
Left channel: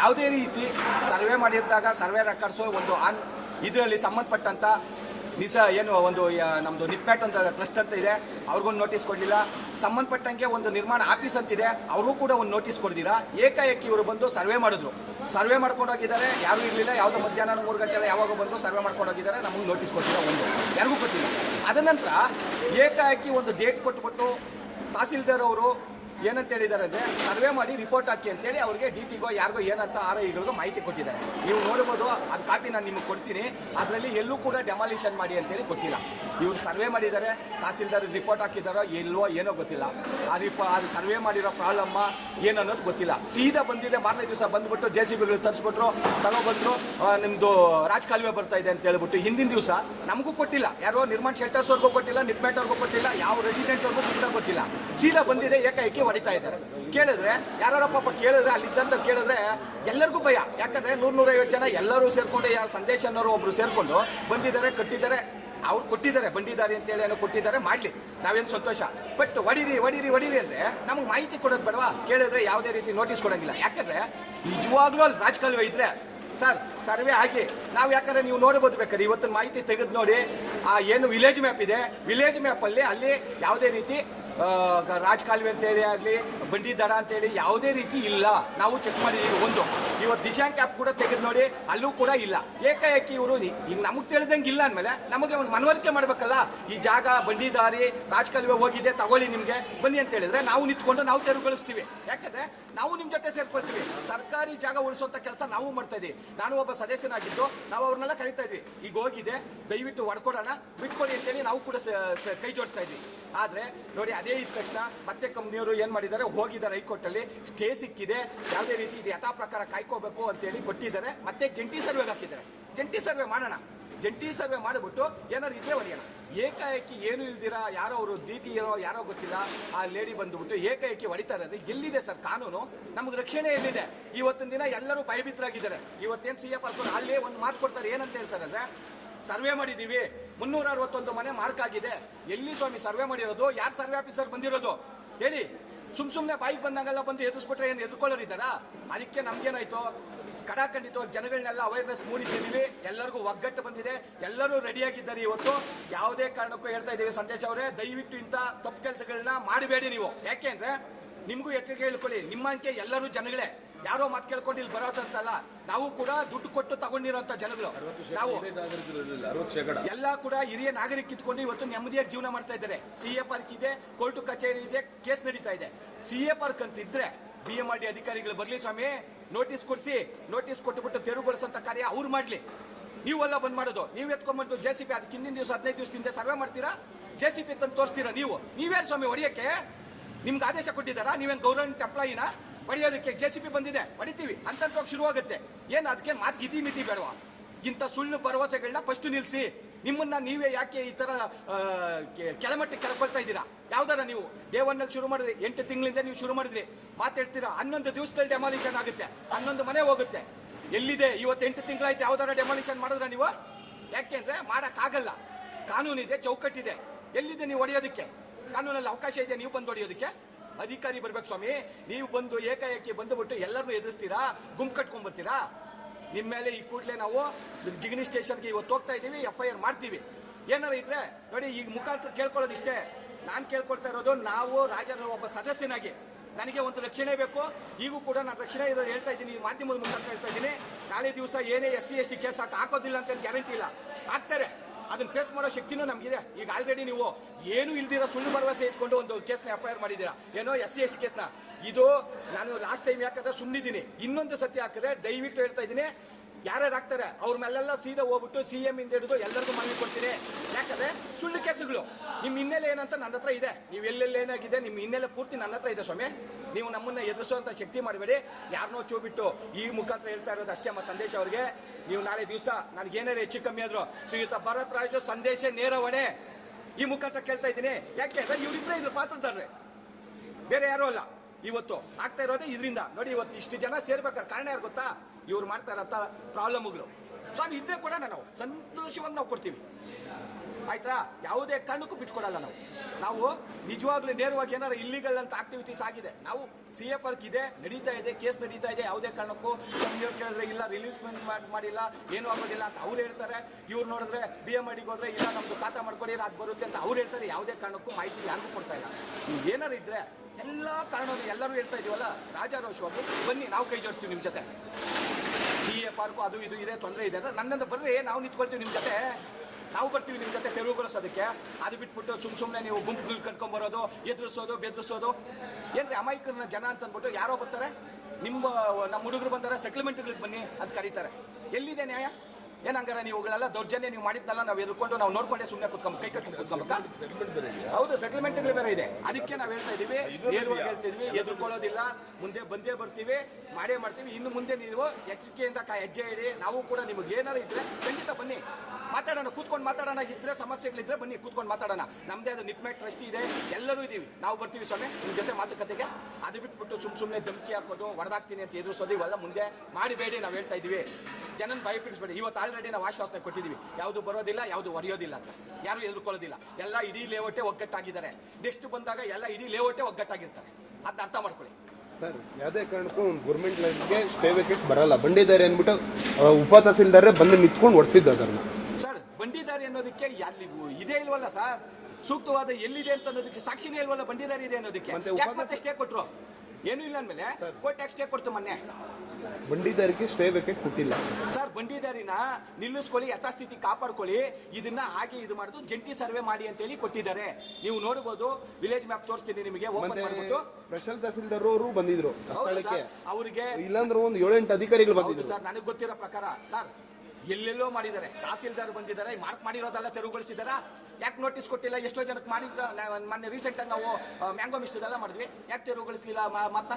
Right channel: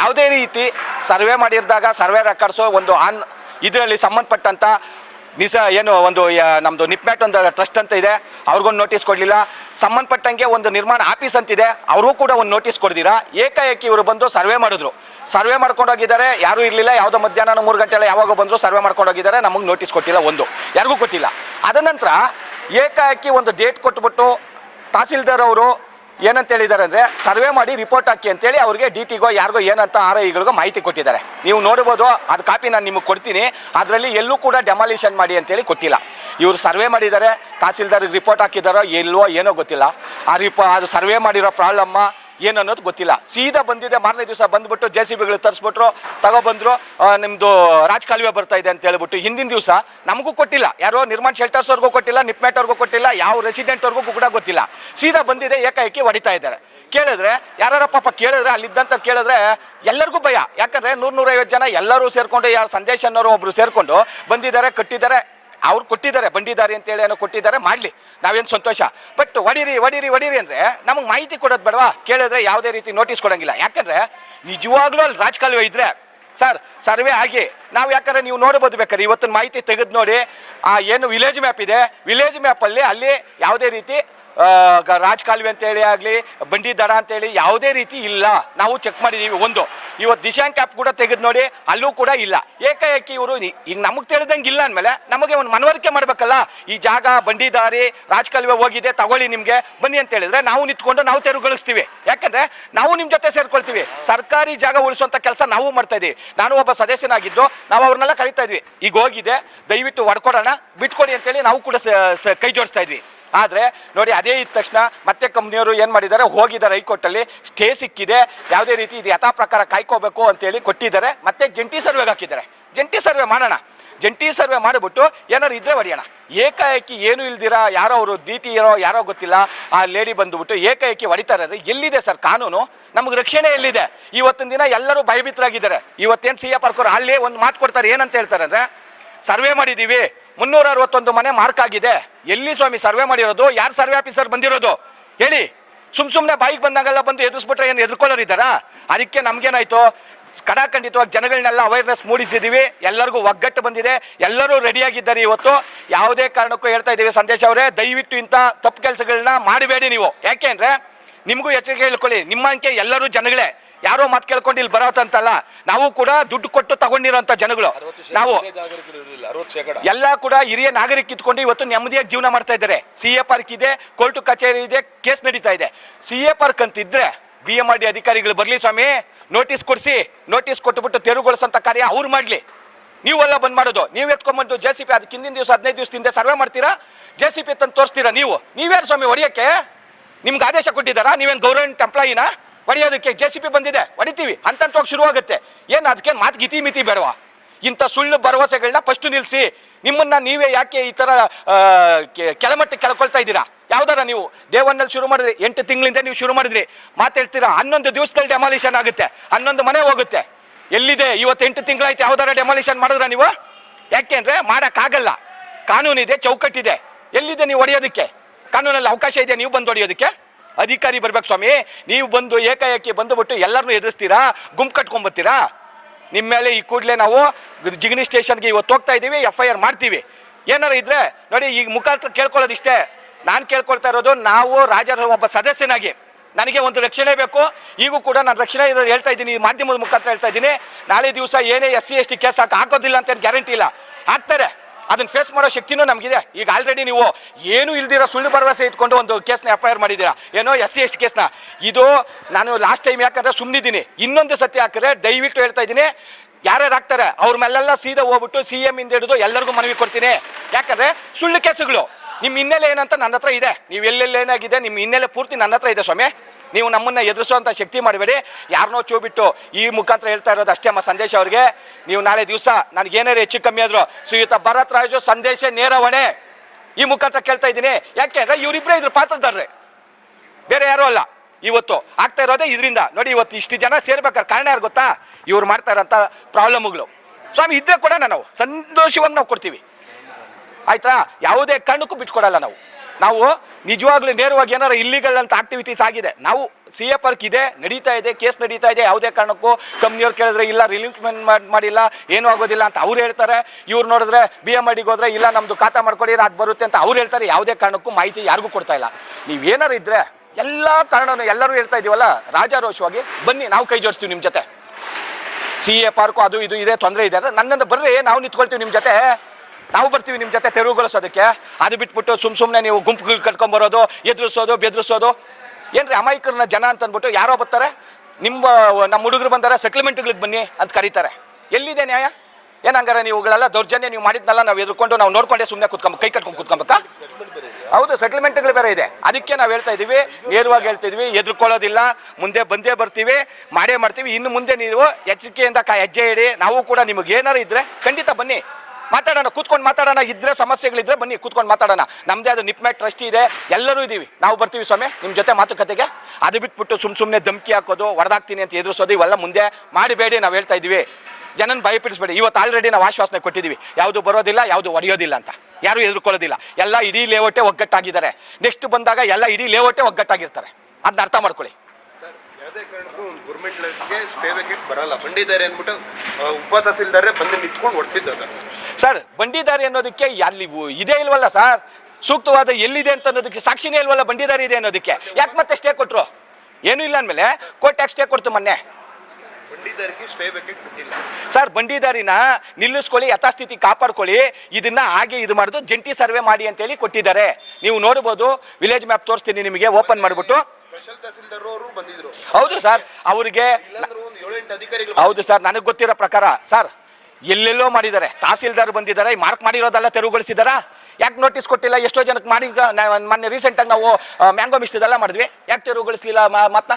ಯಾವುದೇ ರೀತಿ ಸರ್ವೆ ಮಾಡಿರಿದಾಗ, ಸರ್ವೆ ರೆಕಾರ್ಡ್ಸು ಒಂದು ಆನ್ ಇದರಲ್ಲಿ ಸಂಬಂಧಪಟ್ಟಂಥ ನಿಸ ಏನು ಒಂದು ನಮ್ಮದು ನಿಪ್ಮ್ಯಾಟ್ ಒಂದು ಟ್ರಸ್ಟ್ ಅಂತ ಇದೆ, ಅವ್ರಿಗೊಂದು ನೋಟಿಸ್ ಕೊಡಲಿಲ್ಲ. ಸಂಬಂಧಪಟ್ಟಂಗೆ ಒಂದು ನಿರ್ಮಾಣ ಆಫೀಸ್ ಅಂತಿದೆ, ಅವರು ಕೂಡ ಒಂದು ನೋಟಿಸ್ ಕೊಡ್ದಿರಾ? ಏಕಾಏಕಿ ಇವರು ಬಂದು ಸರ್ವೆ ಮಾಡಿದ್ರು. ಸರ್ವೆ ಮಾಡ್ಕೊಂಡು ಹೋಗಿದ್ದಾರೆ ಯಾರು ಇರಲಿಲ್ಲ, ಯಾವುದೋ ಮಧ್ಯಾಹ್ನ ಮೂರು ಗಂಟೆ ಯಾವಾಗ ಬಂದ್ರು ಸರ್ವೆ ಮಾಡ್ಕೊಂಡು ಹೋಗಿದ್ದಾರೆ ನಮಗೆ ನೋಟಿಸ್ ಕೊಟ್ಟಿಲ್ಲ ಒಂದು, ಯಾರಿಗೂ ಕೊಟ್ಟಿಲ್ಲ. ಅದ ನಂತರ ಏಕಾಏಕಿ ಒಂದು ಡೇಟ್ ಕೊಟ್ಬಿಟ್ಟು ತಹಸೀಲ್ದಾರ್ ಅವರು ಏನಂತ ಹೇಳಿದ್ದಾರೆ ಅಂದರೆ ಸರ್ವೆ ಮಾಡಿ ರಿಪೋರ್ಟ್ ಹಾಕಿ ಅಂತೇಳಿ ಅವ್ರಿಗೆ ಡಿ ಟಿಗೋ ಯಾರಿಗೋ, ಏನಂತ ಆರ್ ಐಗಳಿಗೋ ಮಾಹಿತಿ ಕೊಟ್ಟಿದ್ದಾರೆ. ನೀವು ನೋಡ್ಬೋದು, ಅದು ಕಾಪಿ ನಾನು ನಿಮಗೆ ಕೊಡ್ತೀನಿ. ಅದರಲ್ಲಿ ಎಲ್ಲೂ ಕೂಡ ಡೆಮಾಲಿಷನ್ ಮಾಡಿ ಅಂತೇಳಿ ಕೊಟ್ಟಿಲ್ಲ ಇವರು ಸರ್ವೆ ಮಾಡಿದ್ದಾರೆ, ತಹಸೀಲ್ದಾರ್ಗೆ ರಿಪೋರ್ಟ್ ಹಾಕಿದಾರೋ ಎಲ್ವೋ ಏನೋ ಗೊತ್ತಿಲ್ಲ. ಆ ರಿಪೋ ಅದು ಸರ್ವೆ ಮಾಡಿರೋ ಪ್ರಾಬ್ಲಮ್ಮ ಏನು ಅನ್ನೋದು ಗೊತ್ತಿಲ್ಲ. ಸೀದಾ ಬಂದಿದೆ, ಮಾರನೇ ದಿವಸ ಬಂದ್ಬಿಟ್ಟು ಜೆ ಸಿ ಬಿಗಳು ತರಿಸ್ಬಿಟ್ರು ತಗೊಬಂದ್ರು ನಿಮ್ಮದು ನಿಮ್ದು ರಾಜ್ ಕಾಲುವೆ ಬರ್ತಾ ಇದೆ ಅಂತ ಹೇಳ್ಬಿಟ್ಟು ಹಿಂದಿನ ದಿವಸ ನಮಗೂ ಕೊಟ್ಟಿಲ್ಲ. ಯಾರೋ ನಿರ್ಮಾಣ ಶೆಲ್ಟರ್ಸ್ ಅವ್ರಿಗೂ ಕೊಟ್ಟಿಲ್ಲ ನಿಪ್ಮೆಟ್ ಅವ್ರಿಗೂ ಕೊಟ್ಟಿಲ್ಲ, ಯಾವ ರೆಸಿಡೆಂಟ್ ಅವ್ರಿಗೂ ಕೂಡ ಗೊತ್ತಿಲ್ಲ. ಸೀದಾ ಬಂದಿದೆ, ಏಕಾಏಕಿ ಹೊಡಿತಾ ಇದ್ದಾರೆ. ಕೇಳಿದ್ರೆ ಯಾರು ಪಾಪ ಕೇಳಿದ್ರೆ, ಅಲ್ಲಿದ್ದಂತ ಕೇಳಿದ್ರೆ ಎಲ್ಲರಿಗೂ ಭಯ. ಯಾಕಂದ್ರೆ ನೂರ್ ನೂರೈವತ್ತು ಜನ ಎಲ್ಲರೂ ಸೇರ್ಕೊಂಡು, ಯಾರು ಸಂದೇಶ ಅನ್ನೋರು ಒಬ್ರು ಸೇರಿಕೊಂಡು ಬಂದಿದ್ದಾರೆ, ಕಟ್ಟಿದ್ದಾರೆ. ಅವ್ರು ಕೊಟ್ಟಿದ್ದಾರೆ ಬಂಡಿದಾರಿ ಅಂತೇಳಿ ಏನೋ ಕೊಟ್ಟಿದ್ದಾರೆ, ಮಾಡಲಿ. ನಾವೇನು ಸಂತೋಷ? ಬಟ್ ಹೊಡೀರಿ ಹೊಡೀರಿ ಹೊಡೀರಿ ಅಂದರೆ ನಮಗೆ ಮಾಹಿತಿ ಕೊಡೋದು ಬೇಡವಾ? ಕೇಳಿದ್ರೆ ಯಾವುದೇ ರೀತಿ ನೋಟಿಸ್ ಕೊಡೋಂಗಿಲ್ಲ. ಯಾಕಂದ್ರೆ ನಿಜವಾಗ್ಲೂ ಅಲ್ಲಿ ರಾಜಕಾಲುವೆ ಇದ್ರೆ, ಸರ್, ಸರ್ವೆ ಆಗಿ, ನಾವು ಯಾಕಂದ್ರೆ ನೀವು ನೋಡ್ಬೋದು ಬೇಕಾದ್ರೆ, ಇವತ್ತಿನ ಮಾಹಿತಿ ತೆಗೆದು ನೋಡಿ, ಆ ಏನು ವಿಲೇಜ್ ಮ್ಯಾಪ್ ಇದೆ ವಿಲೇಜ್ ಮ್ಯಾಪಲ್ಲಿ ಅಲ್ಲಿ ಯಾವುದೇ ರೀತಿ ರಾಜಕಾಲುವೆ ಅಂತೇಳಿ ಆಗಲಿ, ಬಂಡಿ ದಡ ಅಂತೇಳಿ ಯಾವುದೇ ರೀತಿ ಇಲ್ಲ. ನಾವು ಚೆಕ್ ಮಾಡಿದೀವಿ, ಒಂದು. ಇವತ್ತು ದಿಶಾಂಕ್ ಆ್ಯಪ್ ಕೂಡ ತೆಗೆದು ನೋಡಿ, ಅಲ್ಲೂ ಕೂಡ ಇಲ್ಲ. ಏಕಾಏಕಿ ಇವರು ಈಗ ನಮಗೆ ತಿಳಿದಂಗೆ ಇಲ್ಲ ಅಂದಮೇಲೆ ನಮಗೆ ಒಂದು ಮನವರಿಕೆ ಮಾಡಬೇಕಲ್ಲ. ಈ ಜಾಗ, ಬಂಡಿ ದಾರಿ, ರಾಜ್ ಕಾಲುವೆ ಹೋಗಿದೆ, ತಗೊಳ್ಳಿ ನಿಮಗೆ. ಬನ್ನಿ ಅಂತ ಹೇಳಿದ್ರೆ ನಾವು ನಿಂತ್ಕೊಂಡು ನಾವು ತೆರವುಗೊಳಿಸ್ತೀವಿ ಯಾಕಂದ್ರೆ ನಾವು ನಿಮ್ಮ ಜೊತೆ ಸೇರ್ಕೊಳ್ತೀವಿ. ಸರ್ಕಾರಿ ಜಾಗ ಉಳಿಸುವಂತ ಕೆಲಸ ನಾವು ಮಾಡ್ತಾ ಇದೀವಿ. ನಾನು ಒಬ್ಬ ಸದಸ್ಯನಾಗಿದ್ದು, ನಾವು ಅವ್ರನ್ನೆಲ್ಲ ಕರಿತಾ ಇದ್ವಿ. ಈಗ ಹೋಗಿದೆ, ದಯವಿಟ್ಟು ಹೊಡ್ಕೊಡೋಣ, ಬಿಟ್ಕೊಡಿ ಅಂತೇಳಿ ನಾವು ಕೂಡ ಕೈ ಜೋಡಿಸ್ತಾ ಇದ್ವಿ. ಆದರೆ ನೋಡಿ ಅದೇ ಇದ್ದ ತಕ್ಷಣ ಮತ್ತೆ ಕಂಪ್ನಿಯವರು ಏನು ಮಾಡಿದ್ದಾರೆ? ಹೋಗಿದ್ದಾರೆ ಹೈಕೋರ್ಟಲ್ಲಿ. ಸ್ಟೇ ಸಿಕ್ಕಿದೆ. ಯಾವುದೇ ರೀತಿ ಇದು ಯಥಾ ಪ್ರಕಾರ ಕಾಯ್ಕೋಬೇಕು ಅಂತೇಳಿ ಕೊಟ್ಟಿದ್ದಾರೆ. ಮತ್ತೆ ಜಂಟಿ ಸರ್ವೆಗೆ ಹಾಕಿದ್ದಾರೆ. ಜಂಟಿ ಸರ್ವೆ ಮಾಡೋಣ. ಜಂಟಿ ಸರ್ವೆ ಮಾಡಿಬಿಟ್ಟು ಏನಾದ್ರು ಇದ್ರೆ ಹೊಡಿಯೋಣ ಏಕಾಏಕಿ ಏನು ಇಲ್ದಿರ? ಯಾರೋ ಅವರು ದೀತಿ ಇರೋ, ಯಾರೋ ಗೊತ್ತಿಲ್ಲ. ಆ ಲೇಡಿ ಬಂದುಬಿಟ್ಟು ಏಕಾಏಕಿ ಹೊಡಿತಾರೆ ಅಂದರೆ ಎಲ್ಲಿದೆ ಸರ್ ಕಾನೂನು? ನಮಗೆ ರಕ್ಷಣೆ ಎಲ್ಲಿದೆ? ಇವತ್ತಿನ ದಿನ ಎಲ್ಲರೂ ಭಯಭೀತರಾಗಿದ್ದಾರೆ. ಇವತ್ತೇನು ಸಿ ಎ ಪಾರ್ಕರ್ ಅಲ್ಲಿ ಒಂದು ಮಾತು ಕೊಡ್ತಾರೆ ಏನಂತ ಹೇಳ್ತಾರೆ ಅಂದರೆ, ಸರ್ವೆ ಮಾಡಿದ್ದೀವಿ. ಮುನ್ನೂರ ಅರವತ್ತೊಂದು ಮನೆ ಮಾರ್ಕ್ ಆಗಿದೆ. ಎಲ್ಲಿ ಸ್ವಾಮಿ ಸರ್ವೆ ಮಾಡಿರೋದು? ಯಾರು ಸರ್ವೆ ಆಫೀಸರ್ ಬಂದಿರೋದು? ಹೇಳಿ. ಸುಮ್ ಸುಮ್ಮನೆ ಬಾಯಿಗೆ ಬಂದಾಗೆಲ್ಲ ಬಂದು ಎದುರಿಸ್ಬಿಟ್ರೆ ಏನು ಎದುರ್ಕೊಳ್ಳೋರಿದ್ದಾರಾ ಅದಕ್ಕೆ ನಮ್ಗೇನಾಯ್ತು? ಕಡಾಖಂಡಿತವಾಗಿ ಜನಗಳನ್ನೆಲ್ಲ ಅವೇರ್ನೆಸ್ ಮೂಡಿಸಿದ್ದೀವಿ ಎಲ್ಲರಿಗೂ ಒಗ್ಗಟ್ಟು ಬಂದಿದೆ. ಎಲ್ಲರೂ ರೆಡಿಯಾಗಿದ್ದಾರೆ ಇವತ್ತು. ಯಾವುದೇ ಕಾರಣಕ್ಕೂ ಹೇಳ್ತಾ ಇದ್ದೀವಿ ಸಂದೇಶ ಅವರೇ, ದಯವಿಟ್ಟು ಇಂಥ ತಪ್ಪು ಕೆಲಸಗಳನ್ನ ಮಾಡಬೇಡಿ ನೀವು. ಯಾಕೆ ಅಂದರೆ, ನಿಮಗೂ ಎಚ್ಚರಿಕೆ ಹೇಳ್ಕೊಳ್ಳಿ. ನಿಮ್ಮ ಅಂಕೆ ಎಲ್ಲರೂ ಜನಗಳೇ. ಯಾರೋ ಮಾತು ಕೇಳ್ಕೊಂಡು ಇಲ್ಲಿ ಬರೋತಂತಲ್ಲ ನಾವು ಕೂಡ ದುಡ್ಡು ಕೊಟ್ಟು ತಗೊಂಡಿರೋಂಥ ಜನಗಳು. ನಾವು ಎಲ್ಲ ಕೂಡ ಹಿರಿಯ ನಾಗರಿಕ ಇದ್ಕೊಂಡು ಇವತ್ತು ನೆಮ್ಮದಿಯಾಗಿ ಜೀವನ ಮಾಡ್ತಾ ಇದ್ದಾರೆ. ಸಿ ಎ ಪಾರ್ಕ್ ಇದೆ ಕೋರ್ಟ್ ಕಚೇರಿ ಇದೆ ಕೇಸ್ ನಡೀತಾ ಇದೆ. ಸಿ ಎ ಪಾರ್ಕ್ ಅಂತ ಇದ್ರೆ ಬಿ ಎಂ ಆರ್ ಡಿ ಅಧಿಕಾರಿಗಳು ಬರಲಿ ಸ್ವಾಮಿ ನೋಟಿಸ್ ಕೊಡಿಸಿ ನೋಟಿಸ್ ಕೊಟ್ಟುಬಿಟ್ಟು ತೆರವುಗೊಳಿಸಂತ ಕಾರ್ಯ ಅವ್ರು ಮಾಡಲಿ. ನೀವೆಲ್ಲ ಬಂದ್ ಮಾಡೋದು ನೀವು ಎತ್ಕೊಂಡ್ಬಂದು ಜೆ ಸಿ ಪಿ ಅದಕ್ಕೆ ಹಿಂದಿನ ದಿವಸ ಹದಿನೈದು ದಿವಸದಿಂದ ಸರ್ವೆ ಮಾಡ್ತೀರಾ? ಜೆ ಸಿ ಪಿ ತಂದು ತೋರಿಸ್ತೀರಾ ನೀವು? ನೀವ್ಯಾರು ಸ್ವಾಮಿ ಹೊಡೆಯೋಕ್ಕೆ? ನಿಮ್ಗೆ ಆದೇಶ ಕೊಟ್ಟಿದ್ದಾರಾ? ನೀವೇನು ಗೌರ್ಮೆಂಟ್ ಎಂಪ್ಲಾಯಿನ ಹೊಡಿಯೋದಕ್ಕೆ ಜೆ ಸಿ ಪಿ ಬಂದಿದೆ. ಹೊಡಿತೀವಿ ಹಂತಂತವಾಗಿ ಶುರುವಾಗುತ್ತೆ. ಏನು ಅದಕ್ಕೇನು ಮಾತು ಗಿತಿ ಮಿತಿ ಬೇಡವಾ? ಇಂಥ ಸುಳ್ಳು ಭರವಸೆಗಳನ್ನ ಫಸ್ಟ್ ನಿಲ್ಲಿಸಿ ನಿಮ್ಮನ್ನ ನೀವೇ ಯಾಕೆ ಈ ಥರ ಕೆಳಮಟ್ಟಕ್ಕೆ ಕೆಳ್ಕೊಳ್ತಾ ಇದ್ದೀರಾ? ಯಾವ್ದಾರ ನೀವು ದೇವನ್ನಲ್ಲಿ ಶುರು ಮಾಡಿದ್ರಿ, ಎಂಟು ತಿಂಗಳಿಂದ ನೀವು ಶುರು ಮಾಡಿದ್ರಿ. ಮಾತಾಡ್ತೀರಾ ಹನ್ನೊಂದು ದಿವಸದಲ್ಲಿ ಡೆಮಾಲಿಷನ್ ಆಗುತ್ತೆ. ಹನ್ನೊಂದು ಮನೆ ಹೋಗುತ್ತೆ. ಎಲ್ಲಿದೆ? ಇವತ್ತು ಎಂಟು ತಿಂಗಳಾಯ್ತು. ಯಾವ್ದಾರ ಡೆಮಾಲಿಷನ್ ಮಾಡಿದ್ರ ನೀವು? ಯಾಕೆಂದರೆ ಮಾಡೋಕ್ಕಾಗಲ್ಲ. ಕಾನೂನಿದೆ, ಚೌಕಟ್ಟಿದೆ. ಎಲ್ಲಿದೆ ನೀವು ಹೊಡೆಯೋದಕ್ಕೆ ಕಾನೂನಲ್ಲಿ ಅವಕಾಶ ಇದೆ ನೀವು ಬಂದು ಹೊಡೆಯೋದಕ್ಕೆ ಅಧಿಕಾರಿ ಬರ್ಬೇಕು ಸ್ವಾಮಿ, ನೀವು ಬಂದು ಏಕಾಏಕಿ ಬಂದುಬಿಟ್ಟು ಎಲ್ಲರನ್ನೂ ಎದುರಿಸ್ತೀರಾ? ಗುಂಪು ಕಟ್ಕೊಂಬತ್ತೀರಾ ನಿಮ್ಮ ಮೇಲೆ ಈ ಕೂಡಲೇ ನಾವು ಜಿಗಣಿ ಸ್ಟೇಷನ್ಗೆ ಇವತ್ತು ಹೋಗ್ತಾ ಇದ್ದೀವಿ ಎಫ್ ಐ ಆರ್ ಮಾಡ್ತೀವಿ. ಏನಾರು ಇದ್ರೆ ನೋಡಿ, ಈಗ ಮುಖಾಂತರ ಕೇಳ್ಕೊಳ್ಳೋದು ಇಷ್ಟೇ. ನಾನು ಕೇಳ್ಕೊಳ್ತಾ ಇರೋದು ನಾವು ರಾಜರ ಒಬ್ಬ ಸದಸ್ಯನಾಗಿ ನನಗೆ ಒಂದು ರಕ್ಷಣೆ ಬೇಕು. ಈಗೂ ಕೂಡ ನಾನು ರಕ್ಷಣೆ ಹೇಳ್ತಾ ಇದ್ದೀನಿ ಮಾಧ್ಯಮದ ಮುಖಾಂತರ ಹೇಳ್ತಾ ಇದ್ದೀನಿ. ನಾಳೆ ದಿವಸ ಏನೇ S C, S T case ಹಾಕಿ ಹಾಕೋದಿಲ್ಲ ಅಂತ ಗ್ಯಾರಂಟಿ ಇಲ್ಲ. ಹಾಕ್ತಾರೆ. ಅದನ್ನ ಫೇಸ್ ಮಾಡೋ ಶಕ್ತಿನೂ ನಮಗಿದೆ. ಈಗ ಆಲ್ರೆಡಿ ನೀವು ಏನು ಇಲ್ದಿರೋ ಸುಳ್ಳು ಭರವಸೆ ಇಟ್ಕೊಂಡು ಒಂದು ಕೇಸ್ನ ಎಫ್ ಐ ಆರ್ ಮಾಡಿದ್ದೀರಾ? ಏನೋ ಎಸ್ ಸಿ ಎಸ್ ಕೇಸ್ನ. ಇದು ನಾನು ಲಾಸ್ಟ್ ಟೈಮ್ ಯಾಕಂದ್ರೆ ಸುಮ್ಮನಿದ್ದೀನಿ ಇನ್ನೊಂದು ಸತಿ ಹಾಕಿದ್ರೆ ದಯವಿಟ್ಟು ಹೇಳ್ತಾ ಇದ್ದೀನಿ. ಯಾರ್ಯಾರು ಹಾಕ್ತಾರೆ? ಅವ್ರ ಮೇಲೆಲ್ಲ ಸೀದಾ ಹೋಗ್ಬಿಟ್ಟು ಸಿ ಎಂ ಇಂದ ಹಿಡಿದು ಎಲ್ಲರಿಗೂ ಮನವಿ ಕೊಡ್ತೀನಿ. ಯಾಕಂದ್ರೆ ಸುಳ್ಳು ಕೇಸುಗಳು. ನಿಮ್ಮ ಹಿನ್ನೆಲೆ ಏನಂತ ನನ್ನ ಹತ್ರ ಇದೆ. ನೀವು ಎಲ್ಲೆಲ್ಲಿ ಏನಾಗಿದೆ ನಿಮ್ಮ ಹಿನ್ನೆಲೆ ಪೂರ್ತಿ ನನ್ನ ಹತ್ರ ಇದೆ ಸ್ವಾಮಿ. ನೀವು ನಮ್ಮನ್ನ ಎದುರಿಸುವಂಥ ಶಕ್ತಿ ಮಾಡಬೇಡಿ. ಯಾರನ್ನೋ ಚೂ ಬಿಟ್ಟು ಈ ಮುಖಾಂತರ ಹೇಳ್ತಾ ಇರೋದು ಅಷ್ಟೇ ಅಮ್ಮ ಸಂದೇಶ ಅವ್ರಿಗೆ. ನೀವು ನಾಳೆ ದಿವಸ ನನಗೇನಾರು ಹೆಚ್ಚು ಕಮ್ಮಿ ಆದ್ರು ಶ್ರೀಯುತ ಭರತ್ ರಾಜು ಸಂದೇಶ ನೇರ ಹೊಣೆ ಈ ಮುಖಾಂತರ ಕೇಳ್ತಾ ಇದ್ದೀನಿ. ಯಾಕೆ? ಅಂದ್ರೆ ಇವರಿಬ್ಬರೇ ಇದ್ರ ಪಾತ್ರದಾರ್ರೆ. ಬೇರೆ ಯಾರೂ ಅಲ್ಲ. ಇವತ್ತು ಆಗ್ತಾ ಇರೋದೇ ಇದರಿಂದ. ನೋಡಿ ಇವತ್ತು ಇಷ್ಟು ಜನ ಸೇರ್ಬೇಕಾದ್ರೆ ಕಾರಣ ಯಾರು ಗೊತ್ತಾ? ಇವ್ರು ಮಾಡ್ತಾ ಇರೋಂಥ ಪ್ರಾಬ್ಲಮ್ಗಳು ಸ್ವಾಮಿ, ಇದ್ರೆ ಕೂಡ ನಾವು. ಸಂತೋಷವಾಗಿ ನಾವು ಕೊಡ್ತೀವಿ. ಆಯ್ತಾ? ಯಾವುದೇ ಕಾರಣಕ್ಕೂ ಬಿಟ್ಕೊಡಲ್ಲ ನಾವು. ನಾವು ನಿಜವಾಗ್ಲೂ ನೇರವಾಗಿ ಏನಾರ ಇಲ್ಲಿಗಲ್ ಅಂತ ಆಕ್ಟಿವಿಟೀಸ್ ಆಗಿದೆ. ನಾವು ಸಿ ಎ ಪಾರ್ಕ್ ಇದೆ, ನಡೀತಾ ಇದೆ ಕೇಸ್ ನಡೀತಾ ಇದೆ, ಯಾವುದೇ ಕಾರಣಕ್ಕೂ ಕಂಪ್ನಿಯವ್ರು ಕೇಳಿದ್ರೆ ಇಲ್ಲ ರಿಲಿಂಕ್ಮೆಂಟ್ ಮಾಡಿಲ್ಲ, ಏನೂ ಆಗೋದಿಲ್ಲ ಅಂತ ಅವ್ರು ಹೇಳ್ತಾರೆ. ಇವ್ರು ನೋಡಿದ್ರೆ ಬಿ ಎಂ ಐಡಿಗೆ ಹೋದ್ರೆ ಇಲ್ಲ ನಮ್ಮದು ಖಾತೆ ಮಾಡ್ಕೊಡಿ ಅದು ಬರುತ್ತೆ ಅಂತ ಅವ್ರು ಹೇಳ್ತಾರೆ. ಯಾವುದೇ ಕಾರಣಕ್ಕೂ ಮಾಹಿತಿ ಯಾರಿಗೂ ಕೊಡ್ತಾ ಇಲ್ಲ. ನೀವೇನಾರು ಇದ್ರೆ ಎಲ್ಲ ಕಾರಣನೂ ಎಲ್ಲರೂ ಹೇಳ್ತಾ ಇದೀವಲ್ಲ, ರಾಜಾರೋಷವಾಗಿ ಬನ್ನಿ, ನಾವು ಕೈ ಜೋಡಿಸ್ತೀವಿ ನಿಮ್ಮ ಜೊತೆ. ಸಿ ಎ ಪಾರ್ಕು ಅದು ಇದು ಇದೆ, ತೊಂದರೆ ಇದೆ ಅಂದ್ರೆ ನನ್ನನ್ನು ಬರ್ರಿ, ನಾವು ನಿಂತ್ಕೊಳ್ತೀವಿ ನಿಮ್ಮ ಜೊತೆ. ನಾವು ಬರ್ತೀವಿ ನಿಮ್ಮ ಜೊತೆ ತೆರವುಗೊಳಿಸೋದಕ್ಕೆ. ಅದು ಬಿಟ್ಬಿಟ್ಟು ಸುಮ್ ಸುಮ್ಮನೆ ನೀವು ಗುಂಪುಗಳು ಕಟ್ಕೊಂಬರೋದು ಎದುರಿಸೋದು, ಬೆದರಿಸೋದು. ಏನ್ರಿ ಅಮಾಯಕರನ್ನ ಜನ ಅಂತ ಅಂದ್ಬಿಟ್ಟು ಯಾರೋ ಬರ್ತಾರೆ? ನಿಮ್ಮ, ನಮ್ಮ ಹುಡುಗರು ಬಂದಾರೆ ಸೆಟ್ಲ್ಮೆಂಟ್ಗಳಿಗೆ ಬನ್ನಿ ಅಂತ ಕರೀತಾರೆ. ಎಲ್ಲಿದೆ ನ್ಯಾಯ? ಏನಂಗಾರೆ ನೀವುಗಳೆಲ್ಲ ದೌರ್ಜನ್ಯ ನೀವು ಮಾಡಿದ್ನಲ್ಲ, ನಾವು ಎದುರ್ಕೊಂಡು ನಾವು ನೋಡ್ಕೊಂಡೆ ಸುಮ್ಮನೆ ಕುತ್ಕೊಂಬ, ಕೈ ಕಟ್ಕೊಂಡು ಕುತ್ಕೊಂಬಕ್ಕ? ಹೌದು ಸೆಟಲ್ಮೆಂಟ್ಗಳು ಬೇರೆ ಇದೆ. ಅದಕ್ಕೆ ನಾವು ಹೇಳ್ತಾ ಇದೀವಿ, ನೇರವಾಗಿ ಹೇಳ್ತಾ ಇದೀವಿ, ಎದುರ್ಕೊಳ್ಳೋದಿಲ್ಲ, ಮುಂದೆ ಬಂದೇ ಬರ್ತೀವಿ, ಮಾಡೇ ಮಾಡ್ತೀವಿ. ಇನ್ನು ಮುಂದೆ ನೀವು ಎಚ್ಚರಿಕೆಯಿಂದ ಕಾ, ಹೆಜ್ಜೆ ಇಡಿ, ನಾವು ಕೂಡ ನಿಮಗೆ ಏನಾರು ಇದ್ರೆ ಖಂಡಿತ ಬನ್ನಿ. ಮಾತಾಡೋಣ, ಕೂತ್ಕೊಂಡು ಮಾತಾಡೋಣ. ಇದ್ರೆ ಸಮಸ್ಯೆಗಳಿದ್ರೆ ಬನ್ನಿ, ಕೂತ್ಕೊಂಡು ಮಾತಾಡೋಣ. ನಮ್ಮದೇ ಅದು ನಿಪ್ಮೆ ಟ್ರಸ್ಟ್ ಇದೆ. ಎಲ್ಲರೂ ಇದೀವಿ. ನಾವು ಬರ್ತೀವಿ ಸ್ವಾಮಿ ನಿಮ್ಮ ಜೊತೆ ಮಾತುಕತೆಗೆ. ಅದು ಬಿಟ್ಬಿಟ್ಟು ಸುಮ್ ಸುಮ್ಮನೆ ಧಮಕಿ ಹಾಕೋದು ಹೊಡೆದಾಕ್ತೀನಿ ಅಂತ ಎದುರಿಸೋದು, ಇವೆಲ್ಲ ಮುಂದೆ ಮಾಡಬೇಡಿ ನಾವು ಹೇಳ್ತಾ ಇದೀವಿ. ಜನನ ಭಯಪಡಿಸ್ಬೇಡಿ ಇವತ್ತು ಆಲ್ರೆಡಿ ನಾವು ಆಶ್ವಾಸನೆ ಕೊಟ್ಟಿದ್ದೀವಿ ಯಾವುದು ಬರೋದಿಲ್ಲ, ಯಾವುದು ಒಡೆಯೋದಿಲ್ಲ ಅಂತ. ಯಾರು ಎದುರ್ಕೊಳ್ಳೋದಿಲ್ಲ. ಎಲ್ಲ ಇಡೀ ಲೇಔಟೇ ಒಗ್ಗಟ್ಟಾಗಿದ್ದಾರೆ. ನೆಕ್ಸ್ಟ್ ಬಂದಾಗ ಎಲ್ಲ ಇಡೀ ಲೇಔಟೇ ಒಗ್ಗಟ್ಟಾಗಿರ್ತಾರೆ. ಅದನ್ನ ಅರ್ಥ ಮಾಡ್ಕೊಳ್ಳಿ. ಸರ್, ಯಾವುದೇ ಕಾರಣಕ್ಕೂ ಒಂದು ಗೌರ್ಮೆಂಟ್ ಲೈನ್ಗೆ ಸ್ಟೇ ವೇಕೆಟ್ ಬರಲ್ಲ. ಬಂಡಿದ್ದಾರೆ ಅಂದ್ಬಿಟ್ಟು ಉಪ ತಹಸೀಲ್ದಾರೇ ಬಂದು ನಿಂತ್ಕೊಂಡು ಹೊಡ್ಸಿದ್ದು ಅದನ್ನು. ಸರ್ ಬಂಡಿದಾರಿ ಅನ್ನೋದಕ್ಕೆ ಅಲ್ಲಿ ಇದೇ ಇಲ್ವಲ್ಲ ಸರ್? ಸೂಕ್ತವಾದ ಎಲ್ಲಿದೆ ಅಂತ ಅನ್ನೋದಕ್ಕೆ ಸಾಕ್ಷಿನೇ ಇಲ್ವಲ್ಲ ಬಂಡಿದಾರಿ ಇದೆ ಅನ್ನೋದಕ್ಕೆ? ಯಾಕೆ ಮತ್ತೆ ಸ್ಟೇ ಕೊಟ್ರು? ಏನೂ ಇಲ್ಲ ಅಂದಮೇಲೆ ಕೋರ್ಟ್ ಯಾಕೆ ಸ್ಟೇ ಕೊಡ್ತು ಮೊನ್ನೆ? ಬಂಡಿದಾರಿಗೆ ಸ್ಟೇ ವೆಕೆಟ್ ಕೊಟ್ಟಿಲ್ಲ. ಸರ್ ಬಂಡಿದಾರಿನ ನಿಲ್ಲಿಸ್ಕೊಳ್ಳಿ ಯಥಾಸ್ಥಿತಿ ಕಾಪಾಡ್ಕೊಳ್ಳಿ ಇದನ್ನ ಹಾಗೆ ಇದು ಮಾಡೋದು ಜಂಟಿ ಸರ್ವೆ ಮಾಡಿ ಅಂತೇಳಿ ಕೊಟ್ಟಿದ್ದಾರೆ. ನೀವು ನೋಡಬಹುದು ವಿಲೇಜ್ ಮ್ಯಾಪ್ ತೋರಿಸ್ತೀನಿ ನಿಮಗೆ ಓಪನ್ ಮಾಡಿಬಿಟ್ಟು. ಸ್ಪೆಷಲ್ ತಹಸೀಲ್ದಾರ್ ಅವರು ಬಂದಿದ್ರು. ಹೌದು ಸರ್ ಅವರಿಗೆ ಇಲ್ಲಾಂದ್ರೆ ಒಂದು ಏಳೆಂಟು ಅಧಿಕಾರಿಗಳು ಹೌದು ಸರ್ ನನಗೆ ಗೊತ್ತಿರೋ ಪ್ರಕಾರ ಸರ್ ಎಲ್ಲೆಲ್ಲೋ ಮಾಡಿದ್ದಾರೆ. ತಹಸೀಲ್ದಾರ್ ಬಂದಿದ್ದಾರೆ ಮಾರ್ಕ್ ಮಾಡಿರೋದೆಲ್ಲ ತೆರವುಗೊಳಿಸಿದಾರಾ ಯಾಕೆ ನೋಟಿಸ್ ಕೊಟ್ಟಿಲ್ಲ? ಎಷ್ಟೋ ಜನಕ್ಕೆ ಮಾಡಿ ಮೊನ್ನೆ ರೀಸೆಂಟಾಗಿ ನಾವು ಮ್ಯಾಂಗೋ ಮಿಸ್ಟ್ ಇದೆಲ್ಲ ಮಾಡಿದ್ವಿ. ಯಾಕೆ ತೆರವುಗೊಳಿಸ್ಲಿಲ್ಲ ಮತ್ತ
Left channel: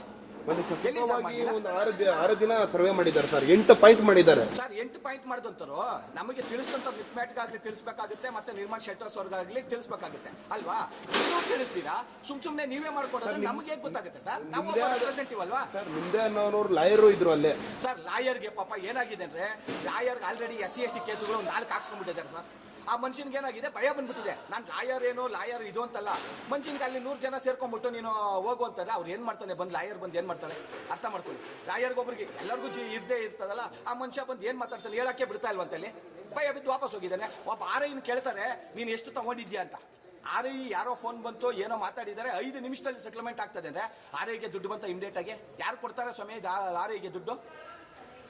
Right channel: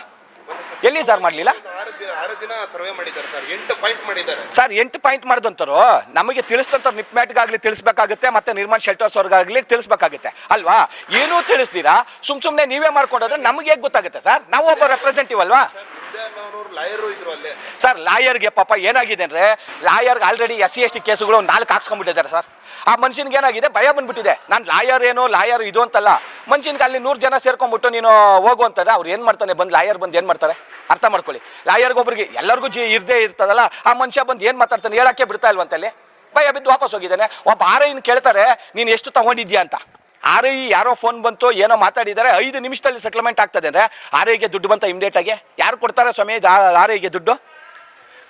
ಎಲ್ಲಿ ಸರ್ ಮಾಡಲಿಲ್ಲ? ಒಂದು ಆರು ದಿನ ಸರ್ವೆ ಮಾಡಿದ್ದಾರೆ ಸರ್ ಎಂಟು ಪಾಯಿಂಟ್ ಮಾಡಿದ್ದಾರೆ. ಸರ್ ಎಂಟು ಪಾಯಿಂಟ್ ಮಾಡಿದಂತರು ನಮಗೆ ತಿಳಿಸಿದಂಥವ್ರು ನಿಪ್ಮ್ಯಾಟ್ಗಾಗ್ಲಿ ತಿಳಿಸ್ಬೇಕಾಗುತ್ತೆ ಮತ್ತೆ ನಿರ್ಮಾಣ ಶೆಲ್ಟರ್ಸ್ ಅವ್ರಿಗಾಗ್ಲಿ ತಿಳಿಸ್ಬೇಕಾಗುತ್ತೆ. ಅಲ್ವಾ? ಏನೂ ತಿಳಿಸ್ತೀರಾ ಸುಮ್ ಸುಮ್ನೆ ನೀವೇ ಮಾಡ್ಕೊಂಡ್ರೆ ನಮಗೆ ಹೇಗೆ ಗೊತ್ತಾಗುತ್ತೆ ಸರ್ ನಾವು ಒಬ್ಬ ರೆಪ್ರೆಸೆಂಟಿವ್ ಅಲ್ವಾ? ಲಾಯರು ಇದ್ರು ಅಲ್ಲೇ. ಸರ್ ಲಾಯರ್ಗೆ ಪಾಪ ಏನಾಗಿದೆ ಅಂದ್ರೆ ಲಾಯರ್ಗೆ already S C S T ಕೇಸುಗಳು ನಾಲ್ಕು ಹಾಕ್ಸ್ಕೊಂಡ್ಬಿಟ್ಟಿದ್ದಾರೆ ಸರ್ ಆ ಮನುಷ್ಯನ್ಗೆ ಏನಾಗಿದೆ? ಭಯ ಬಂದ್ಬಿಟ್ಟಿದೆ. ನಾನು ಲಾಯರ್ ಏನೋ ಲಾಯರ್ ಇದು ಅಂತಲ್ಲ. ಮನುಷ್ಯನ್ಗೆ ಅಲ್ಲಿ ನೂರು ಜನ ಸೇರ್ಕೊಂಡ್ಬಿಟ್ಟು ನೀನು ಹೋಗು ಅಂತಾರೆ. ಅವ್ರು ಏನು ಮಾಡ್ತಾನೆ? ಬಂದು ಲಾಯರ್ ಬಂದು ಏನು ಮಾಡ್ತಾರೆ? ಅರ್ಥ ಮಾಡ್ಕೊಳ್ಳಿ. ಲಾಯರ್ಗೆ ಒಬ್ರಿಗೆ ಎಲ್ಲರಿಗೂ ಜಿ ಇರದೇ ಇರ್ತದಲ್ಲ, ಆ ಮನುಷ್ಯ ಬಂದು ಏನು ಮಾತಾಡ್ತಾನೆ, ಹೇಳಕ್ಕೆ ಬಿಡ್ತಾ ಇಲ್ವಂತಲ್ಲಿ ಭಯ ಬಿದ್ದು ವಾಪಸ್ ಹೋಗಿದ್ದಾನೆ. ಒಬ್ಬ ಆರ್ ಕೇಳ್ತಾರೆ, ನೀನು ಎಷ್ಟು ತಗೊಂಡಿದ್ಯಾ ಅಂತ. ಆರೈ ಯಾರೋ ಫೋನ್ ಬಂತು ಏನೋ ಮಾತಾಡಿದ್ದಾರೆ ಐದು ನಿಮಿಷದಲ್ಲಿ ಸೆಟ್ಲ್ಮೆಂಟ್ ಆಗ್ತದೆ ಅಂದರೆ ಆರ್ ಐಗೆ ದುಡ್ಡು ಬಂತ ಇಮಿಡಿಯೇಟ್ ಆಗಿ? ಯಾರು ಕೊಡ್ತಾರೆ ಸ್ವಾಮಿ ಆರ್ ಐಗೆ ದುಡ್ಡು?